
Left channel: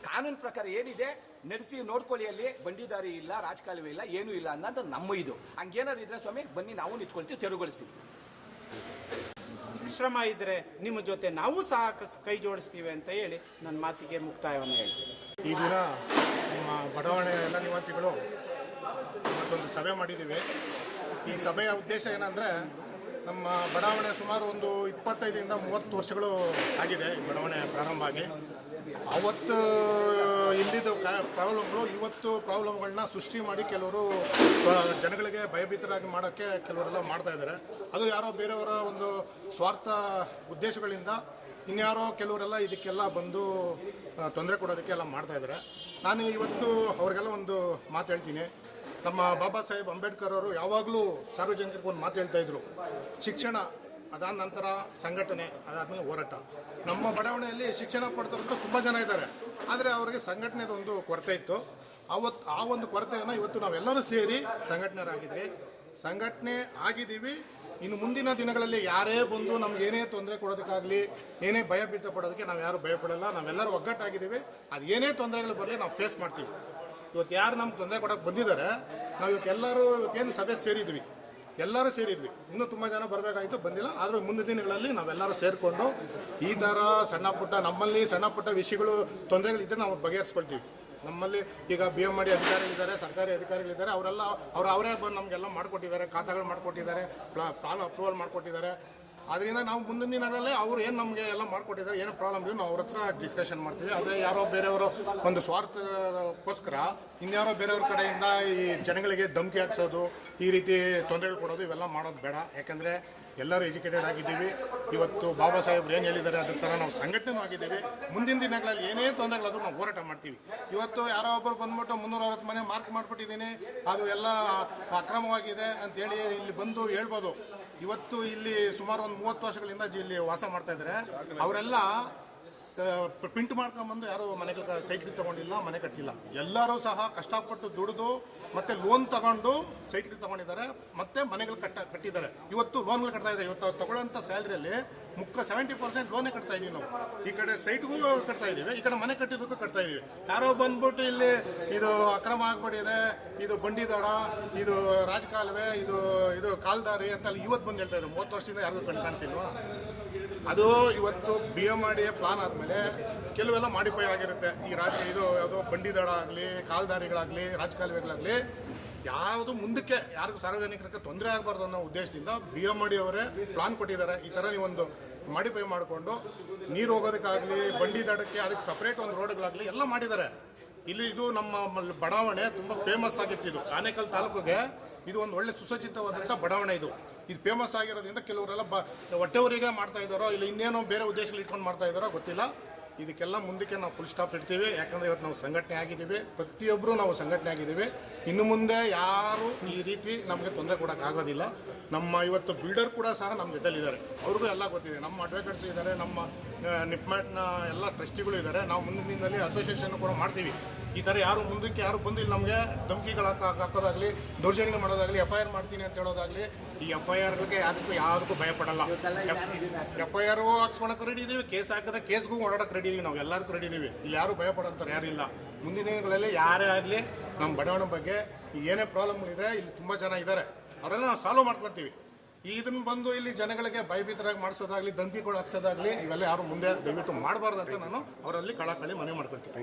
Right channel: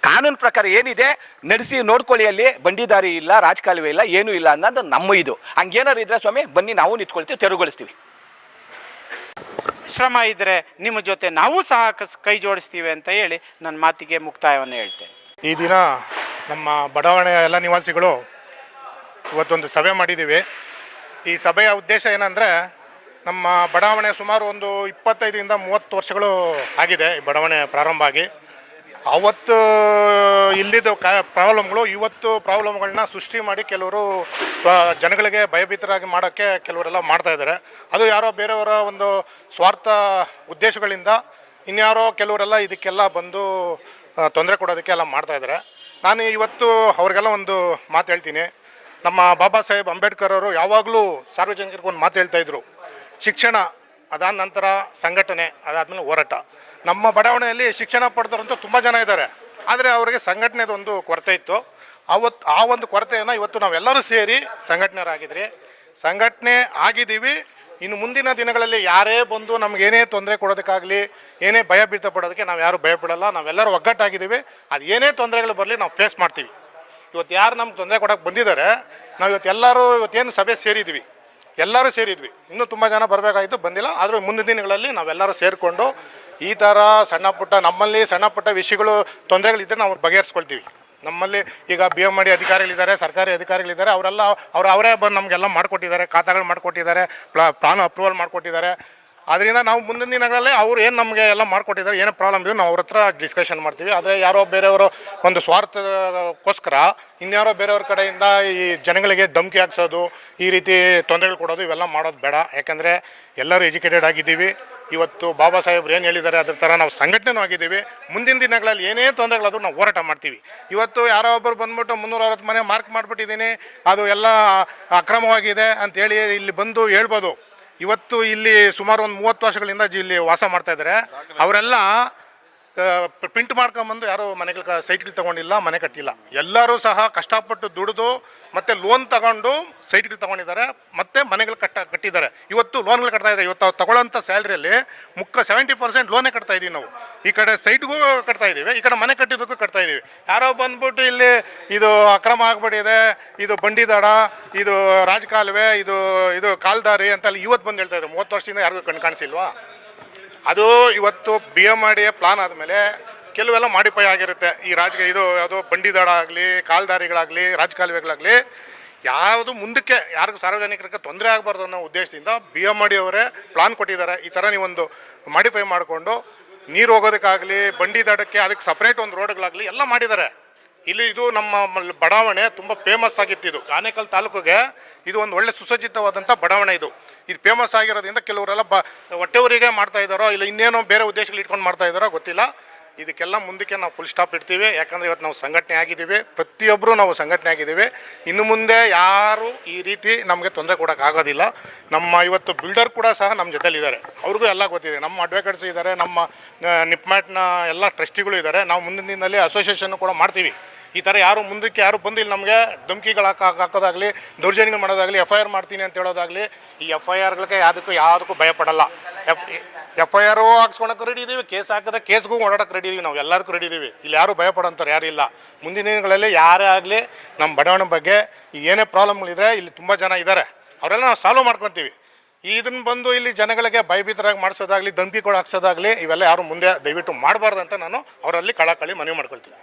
ಕಾನೂನು ಪ್ರಕಾರ ಏನಿದೆ, ನಡೆಸಿ ನೋಡ್ಕೊಳ್ಳಿ ಅಲ್ಲಿ, ಬಂಡಿದಾರಿ ಇಲ್ಲ, ರಾಜಕಾಲುವೆ ಇಲ್ಲ, ಏನೂ ಇಲ್ಲ ಅನ್ನೋದು ನಮ್ಮ ಇದು. ಹಂಗೇನಾರು ಇದ್ರೆ ಸ್ವಾಮಿ, ಬನ್ನಿ ನಾವು ನಿಂತ್ಕೊಳ್ತೀವಿ, ತೆರವುಗೊಳಿಸ್ತೀವಿ. ಶ್ರಮ ಇದ್ದರೆ ನಿಮ್ಮ ಜೊತೆ ನಾವು ಸಹ ಕೈ ಜೋಡಿಸ್ತೀವಿ ಅಂತ ಹೇಳಿ ನನ್ನ ಮಾತಿಗೆ ಮುಕ್ತಾಯವನ್ನು ಹೇಳ್ತೇನೆ. ಈ ದಿನ ನಮ್ಮ ಬಡಾವಣೆಯ ಎಲ್ಲ ನಿವಾಸಿಗಳು ಇವತ್ತೊಂದು ಸಭೆ ಮಾಡಿದ್ದೀವಿ. ಈ ಸಭೆಯ ಉದ್ದೇಶ ಏನಂದರೆ ನಮ್ಮ ಬಡಾವಣೆ ಸುಮಾರು ಒಂದು ಇಪ್ಪತ್ತೈದರಿಂದ ಮೂವತ್ತು ವರ್ಷಗಳು ಆಗಿದೆ ಈ ಬಡಾವಣೆ ಪ್ರಾರಂಭ ಆಗಿ. ಅವತ್ತು ಇಲ್ಲಿದ್ದ ಕ, ಪ್ರಾಬ್ಲಮ್ಗಳು, ಇವತ್ತು ಪ್ರಾಬ್ಲಮ್ಗಳನ್ನ ಸೃಷ್ಟಿ ಮಾಡಿ ಕೆಲವರು ಜನಗಳಿಗೆ ಭಯಭೀತರಾಗಿ ಮಾಡೋಕ್ಕೆ ಕೆಲವರೆಲ್ಲ ಮಾಡ್ತಾ ಇದ್ದಾರೆ. ಅದು ಯಾರೋ ಬೇರೆಯವರ ಒಂದು ಸ್ವಾರ್ಥ ಉದ್ದೇಶಗಳಿಂದ ಇನ್ಯಾರೋ ಕೆಲವರೆಲ್ಲ ಇದಕ್ಕೆಲ್ಲ ಬಂದು ತೊಂದರೆ ಕೊಡೋದಕ್ಕೆ ಎಲ್ಲ ಮಾಡ್ತಾ ಇದ್ದಾರೆ. ನಾನು ಇವತ್ತು ಅವ್ರಿಗೆಲ್ಲ ಒಂದು ಮಾತು ಹೇಳ್ತೀನಿ. ನಮ್ಮ ಬಾಬಾ ಸಾಹೇಬ್ ಅಂಬೇಡ್ಕರ್ ಅವರು ಯಾವಾಗಲೂ ಸಾರ್ವಜನಿಕರಿಗೆ ಒಂದು ಮಾತು ಹೇಳ್ತಾ ಇದ್ರು. ಶಿಕ್ಷಣ ಅದಾದ ನಂತರ ಸಂಘಟನೆ ಅದಾದ್ಮೇಲೆ ಹೋರಾಟ. ನಮ್ಮ ಬಡಾವಣೆಯಲ್ಲಿ ಶಿಕ್ಷಣ ಪಡ್ತಾರಂತೂ ತುಂಬ ಜನ ಇದ್ದಾರೆ. ಆದರೆ ಅವರಿಗೆ ಸಂಘಟನೆದು ಒಂದು ಕೊರತೆ ಇತ್ತು. ಅವತ್ತು ಆ ಒಂದು ಕೊರತೆಯನ್ನು ಇವತ್ತು ನಾವೆಲ್ಲರೂ ಸೇರಿ ಸಂಘಟನೆಯರಾಗಿದ್ರಿ. ಸಂಘಟನೆ ಆಗಿದ್ದೀವಿ. ಇನ್ನು ಮುಂದಿನ ದಿನಗಳಲ್ಲಿ ಯಾರೇ ಬಂದು ನಮಗೇನೇ ತೊಂದರೆ ಕೊಡೋದಕ್ಕಾಗಲಿ, ಏನೇ ಭಯ ಬೀಳ್ತಾ ಪಡೋದಕ್ಕೆ ನಾವು ಯಾರು ಭಯ ಪಡಲ್ಲ. ನಾವೆಲ್ಲರೂ ಒಗ್ಗಟ್ಟಾಗಿದ್ದೀವಿ. ಅದು ಏನೇ ತೊಂದರೆಗಳು ಬರಲಿ ನಾವು ಫೇಸ್ ಮಾಡ್ತೀವಿ. ಇವತ್ತು ಯಾರು ನಮ್ಗೆ ತೊಂದರೆ ಕೊಡೋಕೆ ಬಂದಿದ್ದಾರೆ, ನಾವು ಇವತ್ತು ಎಲ್ಲರೂ ಇವತ್ತೇನು ಸಭೆ ಸೇರಿದ್ವಿ. ಎಲ್ಲರೂ ಸೇರಿದ್ವಿ. ಇನ್ನೂ ತುಂಬ ಜನ ಬರಬೇಕಾಯಿತು, ಬಂದಿಲ್ಲ. ಆದರೂ ಮುಂದಿನ ದಿನಗಳಲ್ಲಿ ನಾವೆಲ್ಲರೂ ಸೇರಿಕೊಂಡು ಈ ಥರ ಸಣ್ಣ ಪುಟ್ಟ, ನಮ್ಮಲ್ಲಿ ಸಣ್ಣ ಪುಟ್ಟ ವಿಷಯಗಳು ತೊಂದರೆಗಳಿದ್ದರೆ ನಾವು ಬಗೆಹರಿಸ್ಕೊಳ್ತೀವಿ. ನಮ್ಮಲ್ಲಿ ಈಗ ಬಿ ಎಂ ಮಾಡಿ ಅಧಿಕಾರಿಗಳಿದ್ದಾರೆ, ಸರ್ಕಾರಿ ಅಧಿಕಾರಿಗಳಿದ್ದಾರೆ, ಅವರೆಲ್ಲ, ಅವ್ರು, ಅವರೇ ಬಂದು ನಮಗೆಲ್ಲ ಮಾಡಿಕೊಟ್ಟಿದ್ದಾರೆ, ಖಾತಾಗಳು ಮಾಡಿಕೊಟ್ಟಿದ್ದಾರೆ ಪ್ಲಾನ್ ಅಪ್ರೂವಲ್ ಮಾಡಿಕೊಟ್ಟಿದ್ದಾರೆ. ಅದರಿಂದ ನಾವು ಮುಂದಿನ ದಿನಗಳಲ್ಲಿ ಅವ್ರು ಏನು ನಮಗೆ ಎಲ್ಲ ಮಾಡಿಕೊಟ್ಟಿದ್ದಾರೆ, ಏನೋ ಪ್ರಾಬ್ಲಮ್ ಇದೆ ನಾವು ಅವ್ರ ಹತ್ರ ಡಿಸ್ಕಷನ್ ಮಾಡ್ತೀವಿ. ಆದರೆ ಯಾರೋ ಬೇರೆಯವರು ಒಂದು ಸ್ವಾರ್ಥಕ್ಕೋಸ್ಕರ, ಇನ್ಯಾರೋ ಬೇರೆಯವ್ರ ಕಡೆಯಿಂದ ಈ ಜನಗಳಿಗೆ ಧಮಕಿ ಹಾಕ್ಸೋದು, ಈ ರೀತಿ ತೊಂದರೆಗಳು ಕೊಡೋದು ಇವೆಲ್ಲ ಮಾಡೋದು ಬೇಡ. ಯಾಕಂದರೆ ಎಲ್ಲರೂ ಎಜುಕೇಟೆಡ್ ಆಗಿದ್ದೀವಿ. ಇವತ್ತು ಬಾಬಾ ಸಾಹೇಬ್ರು ಏನು ಹೇಳಿದ್ದಾರೆ ಅದ್ರ ಥರ ನಾವು ಸಂಘಟನೆನೂ ಆಗಿದ್ದೀವಿ. ಮುಂದಿನ ದಿನಗಳಲ್ಲಿ ಏನೇ ತೊಂದರೆಗಳಾದರೂ ನಾವು ಹೋರಾಟ ಮಾಡ್ತೀವಿ. ಇವತ್ತು ಯಾರೋ ಒಬ್ಬರು ಬಂದ್ಬಿಟ್ಟು ಮುನ್ನೂರ ಅರವತ್ತು ಮನೆ ಮಾರ್ಕ್ ಮಾಡಿಬಿಟ್ಟಿದ್ದೀನಿ, ಅದು ಎಲ್ಲ ಅಕ್ರಮವಾಗಿದೆ ಅಂತೇಳಿ ಇಲ್ಲಿ ಬಂದು ಹೇಳ್ಬೋದು. ಇವತ್ತು ಇಲ್ಲಿ ಸುಮಾರು ಒಂದು ಮೂವತ್ತು ವರ್ಷಗಳಿಂದ ಇಲ್ಲಿ ವಾಸ ಮಾಡ್ತಾ ಇದ್ದಾರೆ. ಅವರೆಲ್ಲ ಪ್ರಿಂಟ್ ಮಾಡ್ಕೊಂಬಂದು ಯಾರು ಮನೆಗಳ ಸೈಟ್ಗಳು ತಗೊಂಡಿಲ್ಲ, ಮನೆ ಕಟ್ಟಿಲ್ಲ. ಎಲ್ಲರೂ ಸಹ ಕಷ್ಟಪಟ್ಟು ದುಡಿದು ಮತ್ತೆ ಲೋನ್ ತಗೊಂಡು ಸೈಟ್ಗಳು ತಗೊಂಡಿದ್ದಾರೆ. ಮತ್ತೆ ಮನೆಗಳು ಕಟ್ಟ, ಕಟ್ಟಿದ್ದಾರೆ. ಇವತ್ತು ಲೋನ್ಗಳು ಕಟ್ತಾ ಇದ್ದಾರೆ. ಇವತ್ತು ತಗೊಳ್ಳೋಂಥ ಸ್ಯಾಲ್ರಿಯಲ್ಲಿ ಮುಕ್ಕ ಸೆವೆಂಟಿ ಪರ್ಸೆಂಟ್ ಲೋನೇ ಕಟ್ತಾ ಇದೀವಿ ನಾವು. ಈ ಕಡೆ ಸೈಟ್ಗೂ ಕಟ್ತಾ ಇದೀವಿ. ಈ ಕಡೆ ಮನೆ ಕಟ್ಟಿದ್ದಕ್ಕೂ ಕಟ್ತಾ ಇದೀವಿ. ಯಾರೋ ಬಂದ್ಬಿಟ್ಟು ಇಲ್ಲಿ ಇದು ಅಕ್ರಮ ಆಗ್ಬಿಟ್ಟಿದೆ, ಇದು ಬಂಡಿದಾಡ ಇದು ರಾಜಕಾಲುವೆ, ಇದು ಇದು ಕಾಲ್ದಾರಿ ಅಂತ ಅಲ್ಲಿ ಇವತ್ತು ಬಂದು ಹೇಳ್ತಾ ಇದ್ದಾರೆ ಮೂವತ್ತು ವರ್ಷದಿಂದ ಯಾರಿಗೂ ಕಣ್ ಕಾಣಿಸಿಲ್ವಾ? ಅದು ಇವತ್ತು ಬಿ ಎಂ ಮಾಡಿ ಪ್ಲಾನ್ ಆದಮೇಲೆ ಕೆಲವೆಲ್ಲ ಮಾಡಿಫೈ ಆಗಿರುತ್ತೆ. ಈ ರಾಜಕೀಯ ಇದು ಯಾವುದು ಬಂಡಿದಾಡ ಆಗಲಿ ಕಾಲ್ದಾರಿಗಳಾಗಲಿ, ರಾಜಕಾಲುವೆಗಳಾಗಲಿ, ಯಾವುದು ಮುಂದಕ್ಕೆ ಯಾರಿಗೂ ಸಾರ್ವಜನಿಕರಿಗೆ ತೊಂದರೆ ಆಗಬಾರ್ದು ಅನ್ನೋ ಉದ್ದೇಶದಿಂದ ಬಿ ಎಂ ಮಾಡಿ ಅವರೇ ಪ್ಲಾನ್ ಕೊಟ್ಟಿದ್ದಾರೆ. ಈ ಥರ ನೀವೊಂದು ಮಾಡಿಫೈ ಮಾಡಿಕೊಂಡು ನೀರು ಹೋಗೋದಕ್ಕಾಗಲಿ, ಬಂಡಿ ದಾಡಕ್ಕೆ ಅದಕ್ಕೆ ಸಪ್ರೇಟ್ ಒಂದು ರೋಡ್ಗಳಾಗಲಿ ಎಲ್ಲ ಮಾಡಿದ್ದಾರೆ. ಇಲ್ಲಿ ಇದು ನಮ್ಮ ಬಡಾವಣೆ ತುಂಬ ಫೇಮಸ್ ಆಗಿತ್ತು ಇದು. ಆನೇಕಲ್ ತಾಲೂಕಿಗೆ ಇದು ಒಂದು ಒಳ್ಳೆ ಸುಸಜ್ಜಿತವಾದಂಥ ಬಡಾವಣೆ ಇದು. ಇದು ಫೇಮಸ್ ಆಗಿರೋದ್ರಿಂದ ಕೆಲವರೆಲ್ಲ ಬ ಹೊಟ್ಟೆವರಿಗೆ ಮಾಡ್ತಾ ಇದ್ದಾರೋ ಇಲ್ಲ ಇನ್ನೇನೋ ಬೇರೆ ಉದ್ದೇಶಗಳು ಇಟ್ಕೊಂಡು ಮಾಡ್ತಾ ಇದ್ದಾರೋ ಗೊತ್ತಿಲ್ಲ. ಇದಕ್ಕೆಲ್ಲ ಮುಂದಕ್ಕೆ ನಾವು ಫುಲ್ ಸ್ಟಾಪ್ ಇಡ್ತೀವಿ. ಯಾಕಂದರೆ ಇವತ್ತು ನಾವು ಸಂಘಟನೆ ಆಗಿದ್ದೀವಿ. ಪ್ರತಿಯೊಬ್ಬರು ನಾವು ಸಂಘಟನೆ ಆಗಿದ್ದೀವಿ. ಇನ್ನು ಮುಂದೆ ಯಾರು ಈ ರೀತಿ ನಮಗೆ ತೊಂದರೆ ಕೊಡೋಕ್ಕಾಗೋದಿಲ್ಲ ನಮ್ಮ ಇವತ್ತು ಬಿಲ್ಡರ್ ಕೂಡ ಸಹ ನಮ್ಮ ಜೊತೆಲಿದ್ದಾರೆ. ಅವ್ರಿಗೂ ಎಲ್ಲ ಗೊತ್ತಿದೆ. ನಮ್ಮ ಅಡ್ವೊಕೇಟ್ಸ್ ಇದ್ದಾರೆ. ನಮ್ಮ ನಿಪ್ಮ್ಯಾಟ್ನ ಎಲ್ಲ ಟ್ರಸ್ಟಿಗಳು ಇದ್ದಾರೆ. ನಾವು ಮುಂದಿನ ದಿನದಲ್ಲಿ ಅಸೋಸಿಯೇಷನ್ ಕೂಡ ಮಾಡ್ತೀವಿ. ಈ ಥರ ಯಾರು ಮುಂದಕ್ಕೆ, ಯಾರು ಬಂದು ಇಲ್ಲಿ ನಮಗೆ ಧಮಕಿಗಳು ಹಾಕ ಹಾಕೋದಾಗಲಿ, ದೌರ್ಜನ್ಯಗಳು ಮಾಡೋದಾಗಲಿ ಎಫ್ ಐ ಆರ್ ಮಾಡ್ತೀನಿ ಅಂತ ಹೇಳೋದಾಗಲಿ, ಈ ಎಫ್ ಐ ಆರ್ಗಳಿಗೆ ಯಾವುದಕ್ಕೂ ಯಾವುದಕ್ಕೂ ಭಯಪಡಲ್ಲ. ಎಫ್ ಎಫ್ ಐ ಆರು ಹಾಕ್ಸ್ಕೊಳಕ್ಕೆ ರೆಡಿ ಇದೀವಿ, ಕೇಸ್ ಹಾಕಿದ್ರೆ ಕೇಸ್ಗೂ ಓಡಾಡಕ್ಕೆ ರೆಡಿ ಇದೀವಿ ನಾವು ಎಲ್ಲದಕ್ಕೂ ರೆಡಿ ಇದೀವಿ. ಇಲ್ಲಿ ಯಾರು ಭಯಪಡೋಂಥವ್ರು ಯಾರು ಇಲ್ಲ. ಮುಂದಿನ ದಿನಗಳಲ್ಲಿ ಯಾರೇ ಆಗಲಿ ನಮ್ಮ ಬಡಾವಣೆ ಬಗ್ಗೆ ಏನೇ ಪ್ರಾಬ್ಲಮ್ಗಳಿದ್ರೆ ಇಲ್ಲಿ ತುಂಬ ಜನ ಇದ್ದಾರೆ ಅವರೆಲ್ಲ ನಾವು ಸಾಲ್ವ್ ಮಾಡ್ಕೊತೀವಿ. ಇದನ್ನ ಬಂದು ಇಲ್ಲಿ ಜನಗಳಿಗೆ ಭಯಭೀತರಾಗಿ ಮಾಡಿಸೋದಾಗ್ಲಿ, ಧಮಕಿಗಳು ಹಾಕ್ಸೋದಾಗಲಿ, ಇವೆಲ್ಲ ಯಾರು ಮುಂದೆ ದಯವಿಟ್ಟು ಮಾಡಬಾರ್ದು ಅಂತ ನಾನು ಅವರಲ್ಲಿ ಕಳಕಳಿ ಮನವಿ ಮಾಡ್ಕೊಳ್ತೀನಿ.